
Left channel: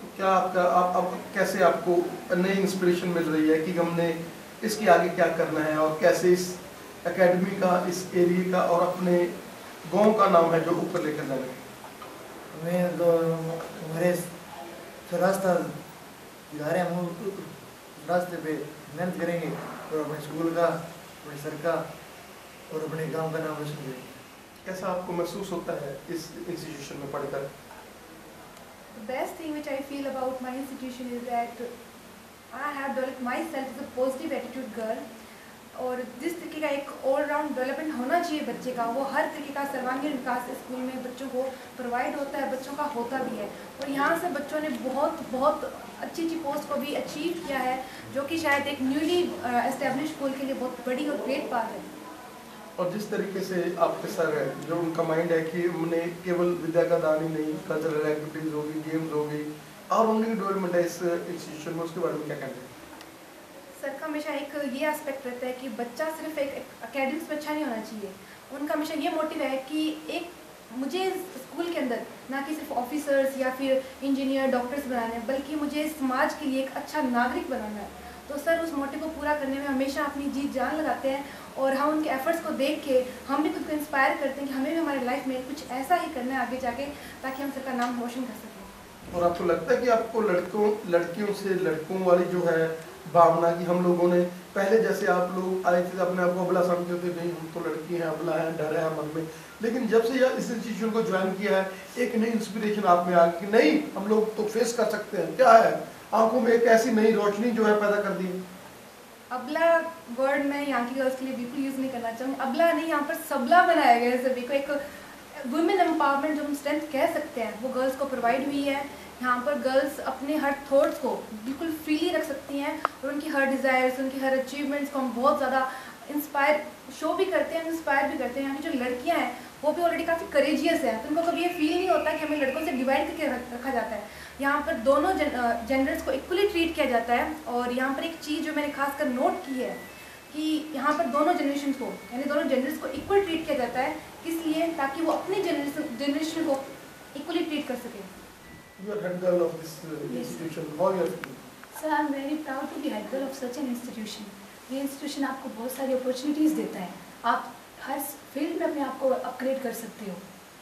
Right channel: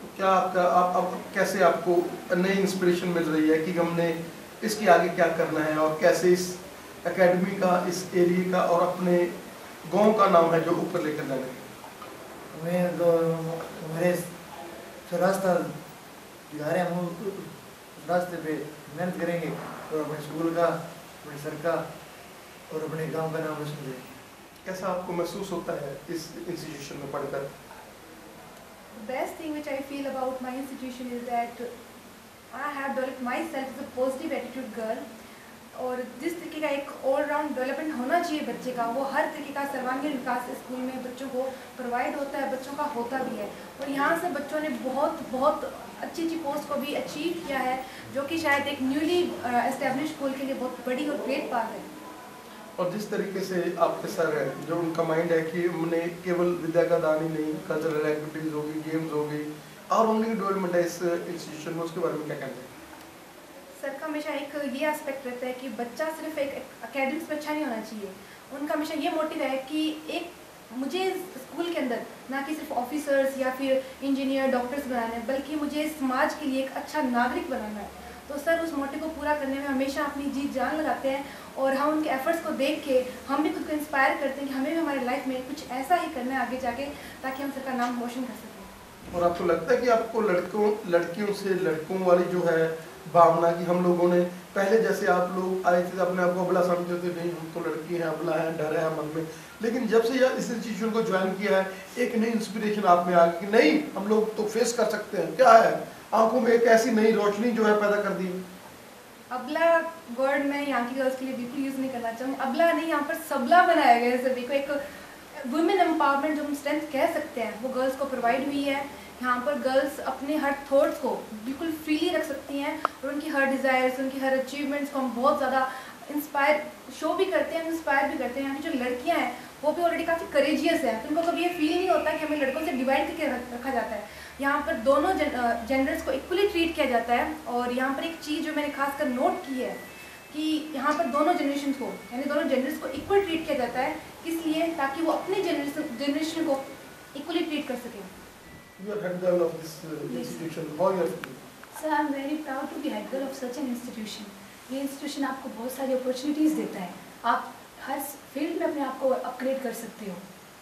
तो क्या आपका आप कैसे आपको नई इंस्पिरेशन मिल रही है कि हमने इसके आगे क्या करना है और कैसे इस एकेडमी का, इस एरिया का और अपने गांव का नाम है जो ऊपर लेकर जाना है? हमें तो हमारे रास्ता जा रहे हैं, हम उस रास्ते पे मेहनत करेंगे और अपने स्कूल का, अपने सर का और अपने गांव का नाम रोशन करेंगे। कैसा आपको महसूस होता है इस इंस्टीट्यूशन में पढ़कर? The best thing which I feel about my institution is that I have developed myself as a positive attitude girl, और जिस तरीके का एक ऑल राउंड डेवलपमेंट होना चाहिए बच्चे का, वो हर तरीके का सर्वांगीण विकास स्कूल में बच्चों को प्रोवाइड होता है, बच्चों का होता भी है। और यहाँ से बच्चों ने बहुत अच्छी पोस्ट को भी अचीव किया है, जो कि शायद एक न्यूली एस्टेब्लिश स्कूल के लिए बहुत बड़ी और ग्रेट बात है। और जिस तरीके से आपके सर है, जो उनका माइंड है कि हमने केवल विद्या का दान ही नहीं, कल्चरल एक्टिविटीज होगी, गेम्स होगी और उनकी डेवलपमेंट है इस इंस्टीट्यूशन में, उसके बारे में क्या कहना है? सर का हमेशा एक ये एस्पेक्ट रहता है कि बच्चा सिर्फ एक एकेडमिक्स में अच्छा नहीं होना चाहिए। उनका हमेशा ये मोटिव है कि एक मुझे इस स्कूल के अंदर ना कि सिर्फ ऑफिसर्स या फिर इंजीनियर डॉक्टर्स बनाना है, बल्कि मुझे समाज के लिए एक अच्छा नागरिक बनाना है। तो सर उस मोटिव को पूरा करने में हमेशा अपनी जी जान लगाते हैं और हम उनके एफर्ट्स को देख के हम भी खुद को इंस्पायर करते हैं कि हमें भी हमारे लाइफ में कुछ ऐसा ही करना है आगे जाके, ताकि हम सर का नाम रोशन कर सकें। और आपको लगता है कि आपको लड़कियों से लड़कों वाली जो है भावना की हम लोगों ने पहले जैसे आप लोग आए थे अपने आप को अबला समझते थे, नहीं हम तो लड़की हैं, अबला है, डर है मन में, लेकिन जब से यह इस इंस्टीट्यूशन को ज्वाइन किया है एक नई इंस्पिरेशन आप में आ गई कि नहीं हम लोग तो फेस कर सकते हैं, क्या है आंखों में एक ऐसी नई रोशनी जो है पैदा कर दी है। अबला वर्ड मैं यहाँ की गर्ल्स के लिए बिल्कुल यूज नहीं करना चाहूँगी। अबला नहीं, यहाँ पर सबला बनाया गया है सभी को। एक वुमेन एम्पावरमेंट जो हम स्ट्रेंथ कह सकते हैं वो गर्ल्स को प्रोवाइड हुई है। यहाँ पर गर्ल्स अपने हर थॉट्स को बिल्कुल फ्रीली रख सकती हैं और उनकी हर डिज़ायर्स, उनकी हर अचीवमेंट्स को हम बहुत ज़्यादा इंस्पायर शो भी करते हैं, इंस्पायर भी करते हैं। यहाँ की जो लड़कियाँ हैं वो भी ऑलरेडी काफ़ी करेजियस हैं, तो उनको कभी ये फील नहीं होता कि हमें लड़कों से डिवाइड करके रखा जाता है। यहाँ पर दोनों जेंडर्स को इक्वली ट्रीट किया जाता है। और यहाँ पर एक चीज़ जो मैंने खासकर नोट की है कि यहाँ पर दोनों जनरेशन को यानी दोनों जेंडर्स को इक्वल ट्रीट किया जाता है। किस लिए? ताकि वो अपने जनरेशन को इक्वली ट्रीट कर सकें। You are head girl of this institution. How you are feeling? Sir, I am very proud to be head girl of such an institution. ये इंस्टीट्यूशन आपको बहुत सारी अपॉर्चुनिटीज़ देता है, आप हर फील्ड में अपने आप को अपग्रेड कर सकते हो।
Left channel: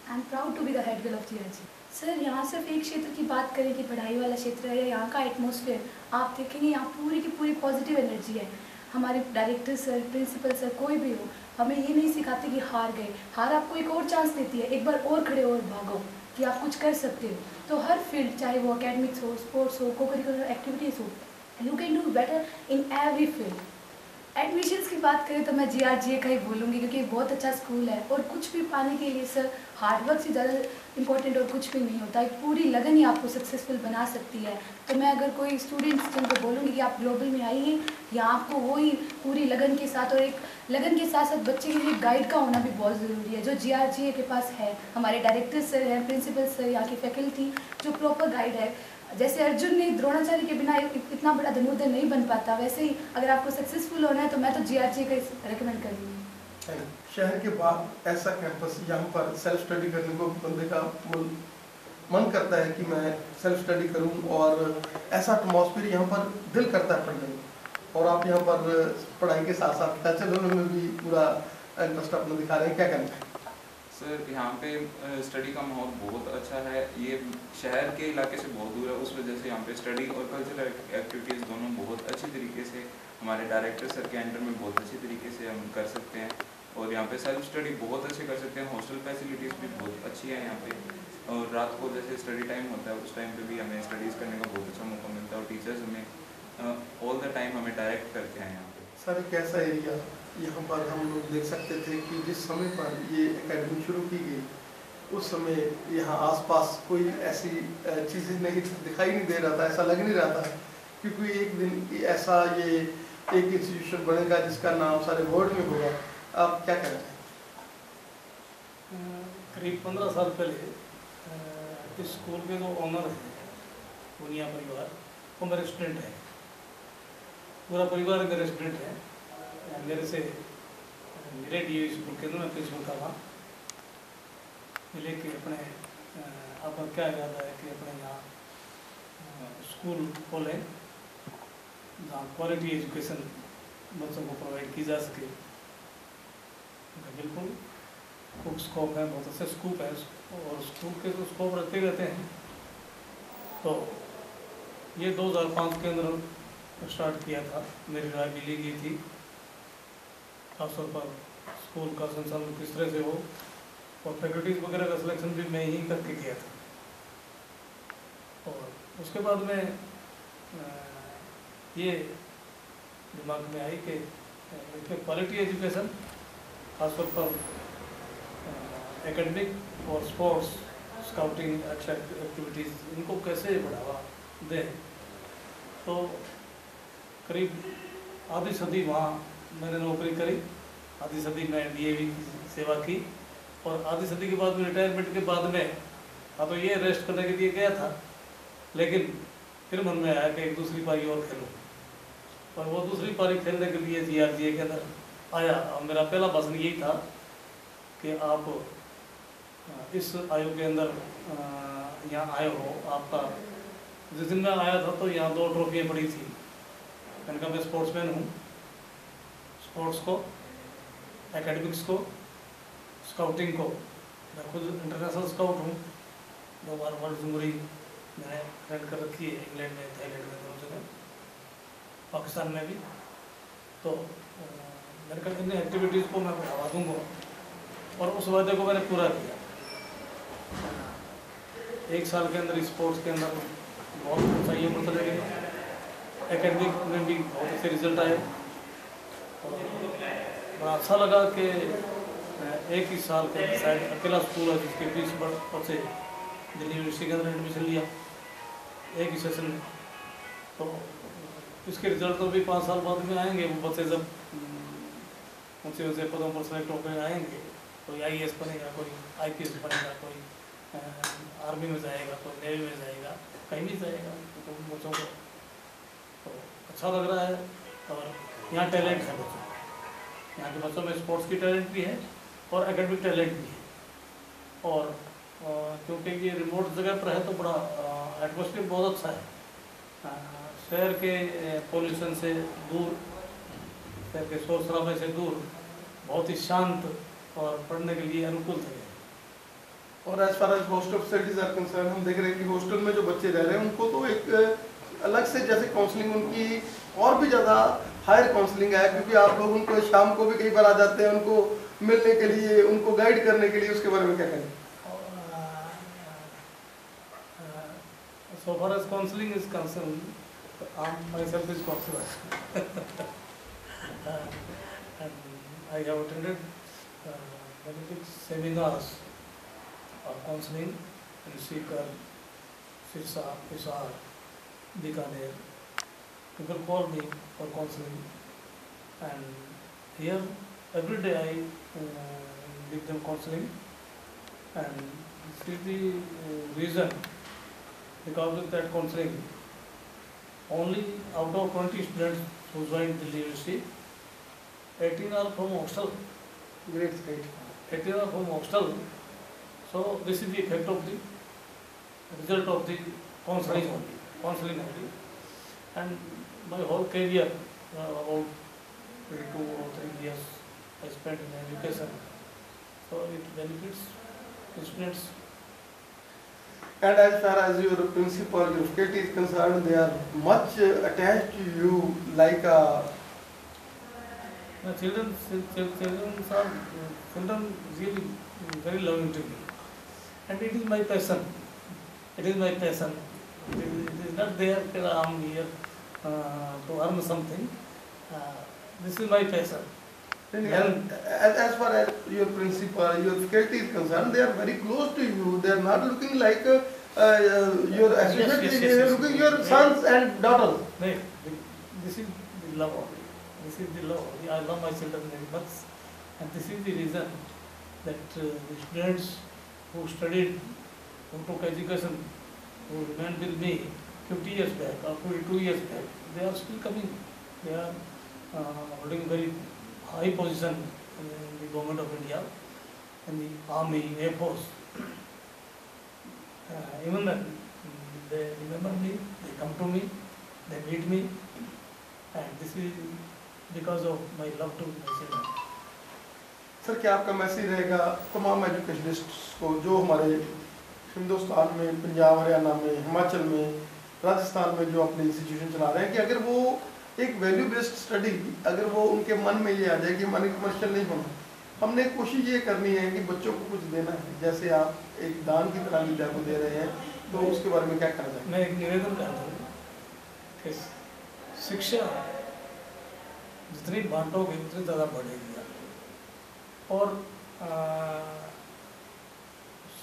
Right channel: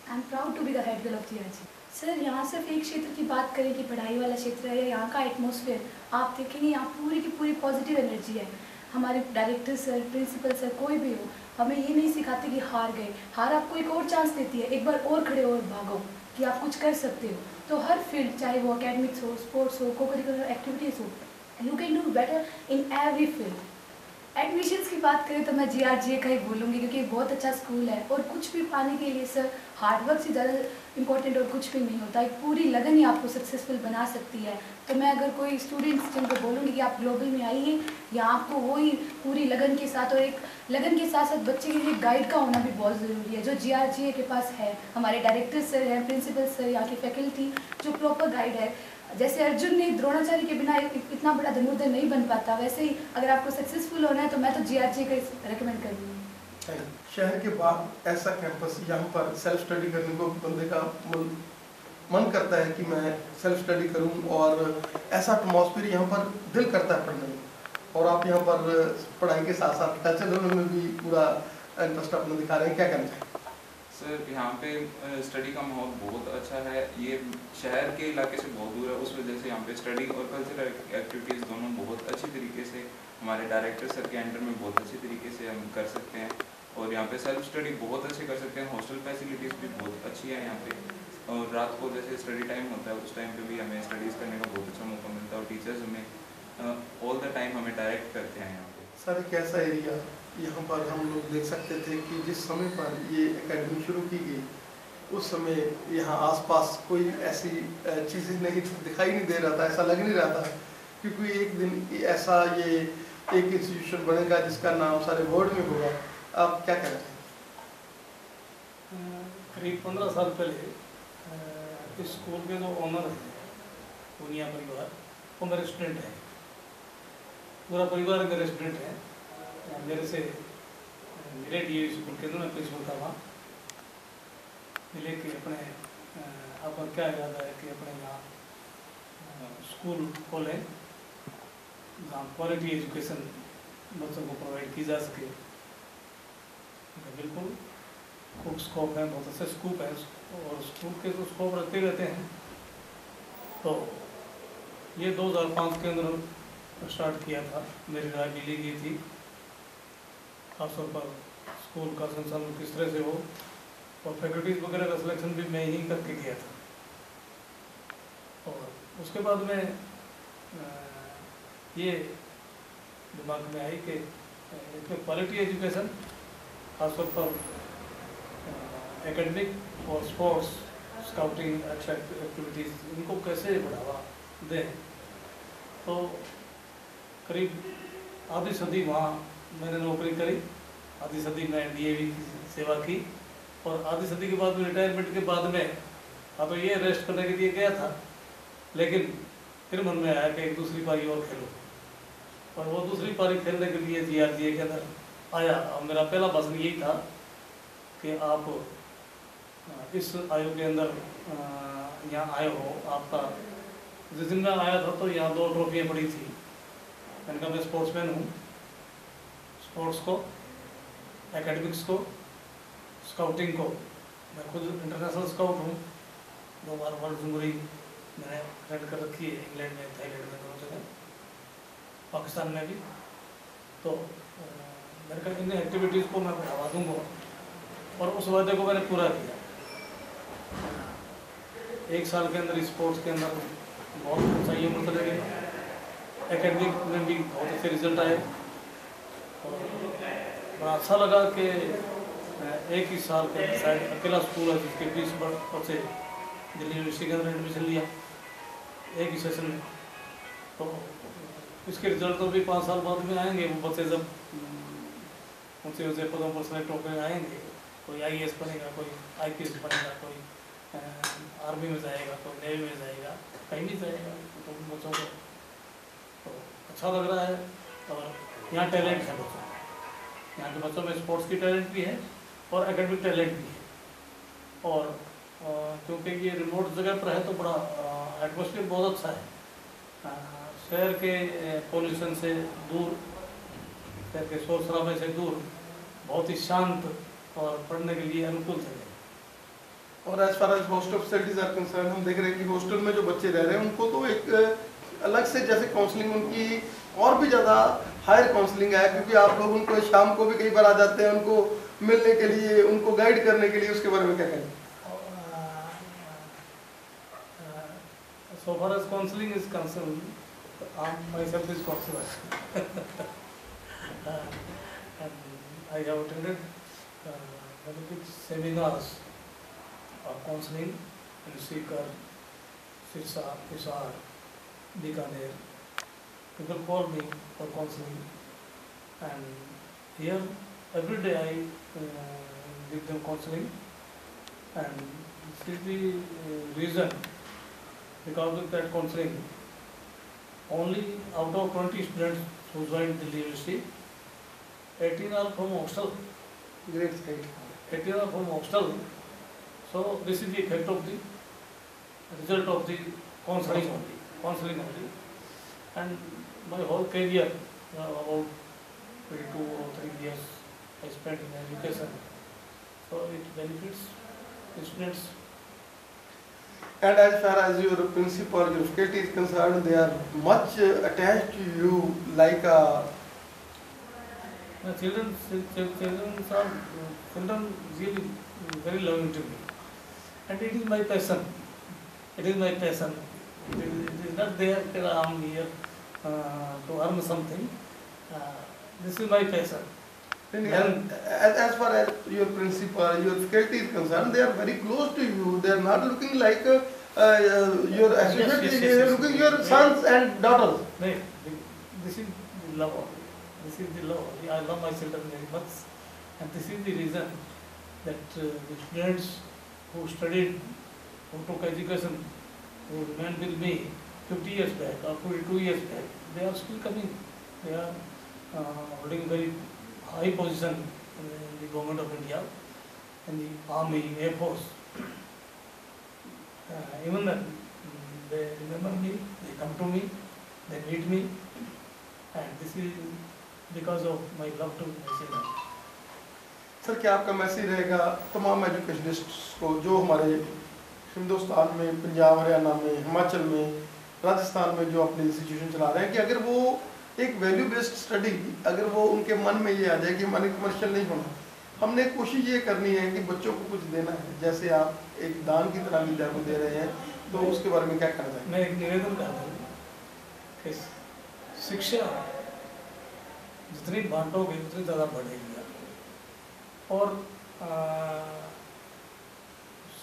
I am proud to be the head girl of GRG। Sir यहाँ सिर्फ एक क्षेत्र की बात करें कि पढ़ाई वाला क्षेत्र है या यहाँ का एटमॉस्फेयर, आप देखेंगे यहाँ पूरी की पूरी पॉजिटिव एनर्जी है। हमारे डायरेक्टर सर, प्रिंसिपल सर, कोई भी हो, हमें ये नहीं सिखाते कि हार गए। हार आपको एक और चांस देती है, एक बार और खड़े और भागो कि आप कुछ कर सकते हो। तो हर फील्ड, चाहे वो एकेडमिक्स हो, स्पोर्ट्स हो, को करिकुलर एक्टिविटीज़ हो, you can do better in every field. Admissions की बात करें तो मैं GRGA का ही बोलूँगी, क्योंकि बहुत अच्छा स्कूल है और कुछ भी पाने के लिए सर हार्डवर्क से ज़्यादा इंपॉर्टेंट और कुछ भी नहीं होता। एक पूरी लगन ही आपको सक्सेसफुल बना सकती है। तो मैं अगर कोई स्टूडेंट्स जिनको बोलूँगी कि आप ग्लोबल में आइए, या आपको वही पूरी लगन के साथ, और एक लगन के साथ साथ बच्चे के लिए गाइड का होना भी बहुत ज़रूरी है, जो GRGA के पास है। हमारे डायरेक्टर सर हैं, प्रिंसिपल सर, यहाँ की फैकल्टी जो प्रॉपर गाइड है। जैसे अर्जुन ने द्रोणाचार्य के बिना इतना बड़ा धनुर्धर नहीं बन पाता, वैसे ही अगर आपको सक्सेसफुल होना है तो मैं तो GRGA का रिकमेंड करूँगी। शहर के बाद ऐसा कैंपस यहाँ पर सेल्फ स्टडी करने को बंदे का मन करता है कि मैं सेल्फ स्टडी करूँ, और ऐसा एटमॉस्फेयर यहाँ पर दिल करता है पढ़ने में। और आप यहाँ पर पढ़ाई के साथ साथ कल्चरल में भी पूरा इंटरेस्ट अपना दिखा रहे हैं, क्या करना चाहिए? सर यहाँ पे स्टडी का माहौल बहुत अच्छा है। ये शहर के इलाके से बहुत दूर है, उस वजह से यहाँ पे स्टडी और कल्चरल एक्टिविटीज़ दोनों बहुत अच्छी तरीके से हमारे डायरेक्टर सर के अंडर में बहुत अच्छी तरीके से हम कर सकते हैं। और यहाँ पे सेल्फ स्टडी बहुत अच्छे कर सकते हैं। हॉस्टल फैसिलिटीज़ भी बहुत अच्छी है यहाँ पे, और रात को जैसे स्टडी टाइम होता है उस टाइम पे भी हमें स्टडीज़ करने का बहुत अच्छा मौका मिलता है, और टीचर्स हमें ऑल द टाइम हमें डायरेक्ट करते हैं यहाँ पे। सर एक ऐसा एरिया यहाँ पर हम लोग देख सकते थे कि जिस समय पर ये एकेडमी शुरू की गई उस समय यहाँ आसपास कोई ऐसी चीज़ें नहीं दिखाई नहीं दे रहा था, ऐसा लग नहीं रहा था, क्योंकि एक दिन ऐसा ये एक इंस्टीट्यूशन बनेगा जिसका नाम सारे वर्ल्ड में होगा। आप क्या कहना चाहेंगे? करीब 15 साल पहले इस स्कूल के जो ओनर हैं पूनिया परिवार, वो मेरे स्टूडेंट हैं, पूरा परिवार मेरे स्टूडेंट हैं। मेरे से मिले DAV स्कूल के अंदर, मैं प्रिंसिपल था वहाँ, मिले कि अपने आपका क्या इरादा है कि अपने यहाँ स्कूल खोलें जहाँ क्वालिटी एजुकेशन बच्चों को प्रोवाइड की जा सके। उनका बिल्कुल खूब स्कोप है, बहुत अच्छे स्कोप है, और स्कूल के जो स्कोप रखते रहते हैं। तो ये 2005 के अंदर स्टार्ट किया था, मेरी राय भी ली गई थी, खासतौर पर स्कूल का संचालन किस तरह से हो, और फैकल्टीज वगैरह का सिलेक्शन भी मैं ही करके किया था। और उसके बाद में ये दिमाग में आई कि क्वालिटी एजुकेशन खासतौर पर एकेडमिक और स्पोर्ट्स, स्काउटिंग एक्टिविटीज़, इनको कैसे बढ़ावा दें। तो करीब आधी सदी वहाँ मैंने नौकरी करी, आधी सदी मैं DAV की सेवा की, और आधी सदी के बाद में रिटायरमेंट के बाद में तो ये रेस्ट करने के लिए गया था, लेकिन फिर मन में आया कि एक दूसरी पारी और खेलो, और वो दूसरी पारी खेलने के लिए GRGA के अंदर आया। और मेरा पहला भाषण यही था कि आप इस आयु के अंदर यहाँ आए हो। आपका जिस दिन मैं आया था तो यहाँ 2 ट्रॉफियाँ पड़ी थी। मैंने कहा मैं स्पोर्ट्समैन हूँ, स्पोर्ट्स को, एकेडमिक्स को, स्काउटिंग को। मैं खुद इंटरनेशनल स्काउट हूँ, 2 बार वर्ल्ड जुमरी मैंने अटेंड कर रखी है, इंग्लैंड में, थाईलैंड में, दोनों जगह, पाकिस्तान में भी। तो मैंने कहा इन एक्टिविटीज़ को मैं बढ़ावा दूँगा और उस वादे को मैंने पूरा किया। 1 साल के अंदर स्पोर्ट्स के अंदर बहुत ऊँचाइयाँ मिलते लगे, एकेडमिक में भी बहुत अच्छे रिजल्ट आए और बड़ा अच्छा लगा कि 1 ही साल के अंदर शायद अकेला स्कूल है जिसके 20 बच्चे दिल्ली यूनिवर्सिटी के अंदर एडमिशन लिया 1 ही सेशन में। तो इसके रिजल्ट तो भी 5 साल बाद में आएंगे। वो बच्चे जब ऊँचे ऊँचे पदों पर सेलेक्ट होकर आएंगे, कोई IAS बनेगा, कोई IPS बनेगा, कोई आर्मी में जाएगा, कोई नेवी में जाएगा, कहीं भी जाएगा, तो उन बच्चों को तो अच्छा लग रहा है। और यहाँ टैलेंट है बच्चों, यहाँ के बच्चों में स्पोर्ट्स की टैलेंट भी है और एकेडमिक टैलेंट भी है। और क्योंकि ये रिमोट जगह पर है तो बड़ा एटमॉस्फेयर बहुत अच्छा है, शहर के पोल्यूशन से दूर, शहर के शोर शराबे से दूर, बहुत ही शांत और पढ़ने के लिए अनुकूल जगह है। और as far as hostel facilities are concern, हम देख रहे हैं कि हॉस्टल में जो बच्चे रह रहे हैं उनको तो एक अलग से जैसे काउंसलिंग उनकी और भी ज़्यादा हायर काउंसलिंग है, क्योंकि आप लोग उनको शाम को भी कई बार आ जाते हैं उनको मिलने के लिए, उनको गाइड करने के लिए। उसके बारे में क्या कहें? So far as counseling is concerned, myself is counselor and I have attended many big seminars of counseling in Sikar, Sirsa, Hisar, Bikaner. People call me for counseling, and here every day I give them counseling, and this is the reason. Because of that counseling, only out of 20 students who joined Delhi University, 18 are from hostel. Great. 18 are from hostel. So this is the effect of the result of the counseling only. And my whole career, about 2 or 3 years, I spent in education. So it benefits the students. And as far as your principal, your faculty is concerned, they are much attached to you, like My children really very loving to me, and it is my passion. It is my passion. It is not there that I am here to earn something. This is my passion. And as far as your principal, your faculty is concerned, they are very close to you. They are not looking like your associates. They are looking your sons and daughters. This is the love. This is the love. I love my children very much, and this is the reason that the students who studied, who took education, who remained with me 50 years back or 42 years back, they are still coming. They are holding very high position in the government of India, in the army, air force. Even then, they remember me, they come to me, they meet me, and this is because of my love to my children. Sir, क्या आपका message रहेगा तमाम एजुकेशनिस्ट्स को जो हमारे हिंदुस्तान में, पंजाब, हरियाणा में, हिमाचल में, राजस्थान में जो अपनी इंस्टीट्यूशन चला रहे हैं, कि अगर वो एक वैल्यू बेस्ड स्टडी, अगर वो उनके मन में ये आ जाए कि हमारे कमर्शियल नहीं होना, हमने कोशिश ये करनी है कि बच्चों को कुछ देना है, जैसे आप एक दान की तरह विद्या को दे रहे हैं, तो उसके बारे में क्या कहना चाहेंगे? मैं एक निवेदन करता हूँ कि शिक्षा जितनी बांटोगे उतनी ज़्यादा बढ़ेगी आपको। और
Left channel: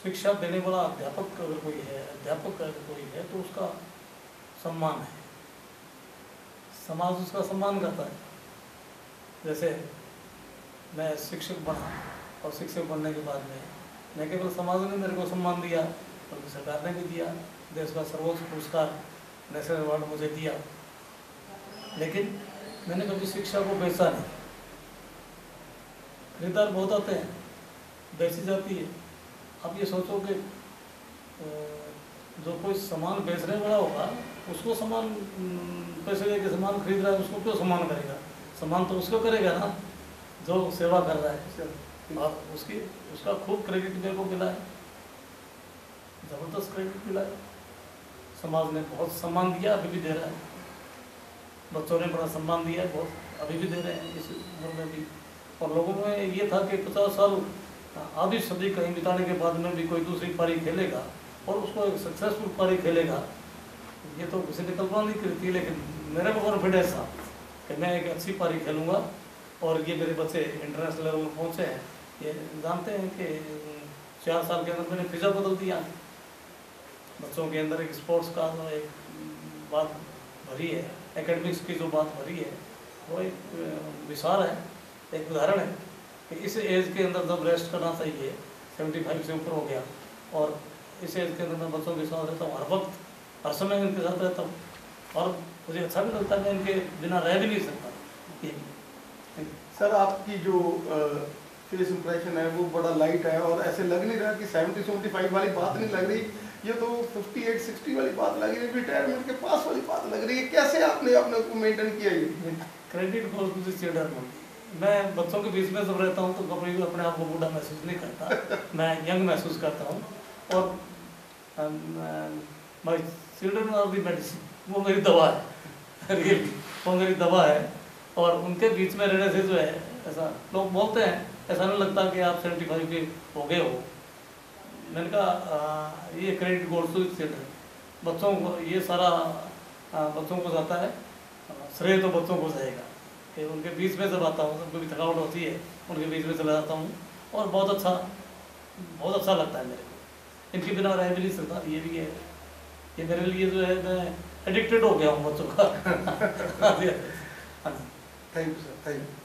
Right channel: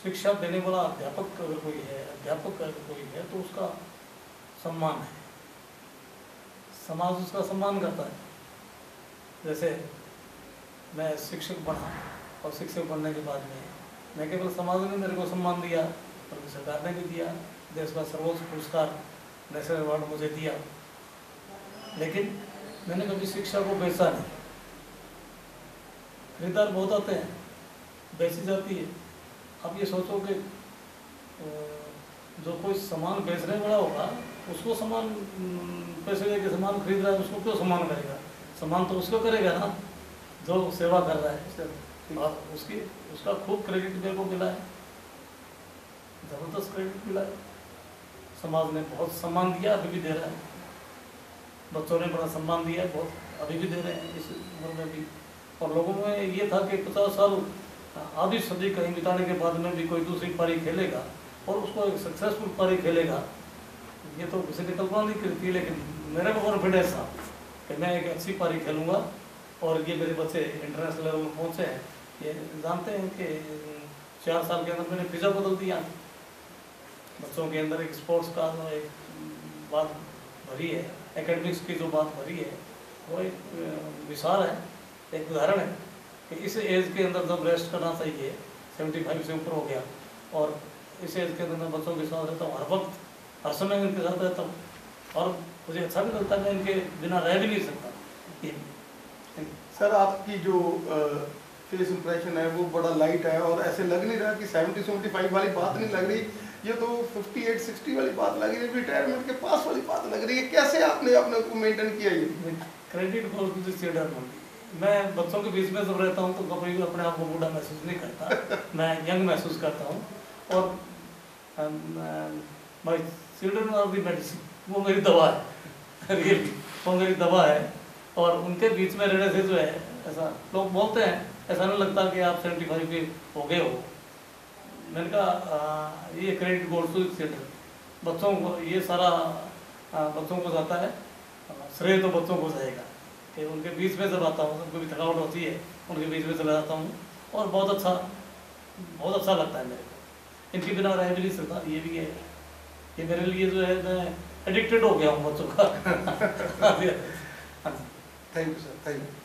शिक्षा देने वाला अध्यापक अगर कोई है तो उसका सम्मान है, समाज उसका सम्मान करता है। जैसे मैं शिक्षक बना और शिक्षक बनने के बाद में न केवल समाज ने मेरे को सम्मान दिया बल्कि सरकार ने भी दिया, देश का सर्वोच्च पुरस्कार नेशनल अवार्ड मुझे दिया। लेकिन मैंने कभी शिक्षा को बेचा नहीं। खरीदार बहुत आते हैं, बेची जाती है, आप ये सोचो कि जो कोई सामान बेचने वाला होगा उसको सामान पैसे दे के सामान खरीद रहा है, उसको क्यों सामान करेगा? सामान तो उसको करेगा ना जो सेवा कर रहा है। और उसका खूब क्रेडिट मेरे को मिला है, जबरदस्त क्रेडिट मिला है। समाज ने बहुत सम्मान दिया, अभी भी दे रहा है। बच्चों ने बड़ा सम्मान दिया है, बहुत अभी भी दे रहे हैं इस उम्र में भी। और लोगों में ये था कि 50 साल आधी सदी कहीं बिताने के बाद में भी कोई दूसरी पारी खेलेगा और उसको एक सक्सेसफुल पारी खेलेगा, ये तो किसी ने कल्पना नहीं करी थी। लेकिन मेरे को कॉन्फिडेंस था कि मैं एक अच्छी पारी खेलूँगा और ये मेरे बच्चे इंटरनेशनल लेवल में पहुँचे हैं। ये जानते हैं कि 4 साल के अंदर मैंने फिजा बदल दिया। बच्चों के अंदर एक स्पोर्ट्स का जो एक बात भरी है, एकेडमिक्स की जो बात भरी है, वो एक विशाल है, एक उदाहरण है कि इस एज के अंदर जब रेस्ट करना चाहिए, 75 से ऊपर हो गया, और इस एज के अंदर मैं बच्चों के साथ रहता हूँ, हर वक्त हर समय इनके साथ रहता हूँ और मुझे अच्छा भी लगता है, मैं इनके बिना रह भी नहीं सकता। ये सर आपकी जो फेस इंप्रेशन है वो बड़ा लाइट है और ऐसे लग नहीं रहा कि 70-75 वाली बात नहीं लग रही, ये तो 58-60 वाली बात लग रही है, रिटायरमेंट के पास वाली बात लग रही है। कैसे आपने अपने को मेंटेन किया? ये क्रेडिट फॉर मैं बच्चों के बीच में जब रहता हूँ तो कभी अपने आप को बूढ़ा महसूस नहीं करता, मैं यंग महसूस करता हूँ। और my children are the medicine, वो मेरी दवा है, रियली वो मेरी दवा है। और उनके बीच में रहने से जो है, ऐसा लोग बोलते हैं, ऐसा नहीं लगता कि आप 75 के हो गए हो। मैंने कहा ये क्रेडिट गोल्स टू चिल्ड्रन, बच्चों को ये सारा बच्चों को जाता है, श्रेय तो बच्चों को जाएगा कि उनके बीच में जब आता हूँ, सबको भी थकावट होती है, उनके बीच में चला जाता हूँ और बहुत अच्छा लगता है मेरे को। इनके बिना रह भी नहीं सकता, ये भी है, ये मेरे लिए जो है मैं एडिक्टेड हो गया हूँ बच्चों का। हाँ जी, thank you sir, thank you.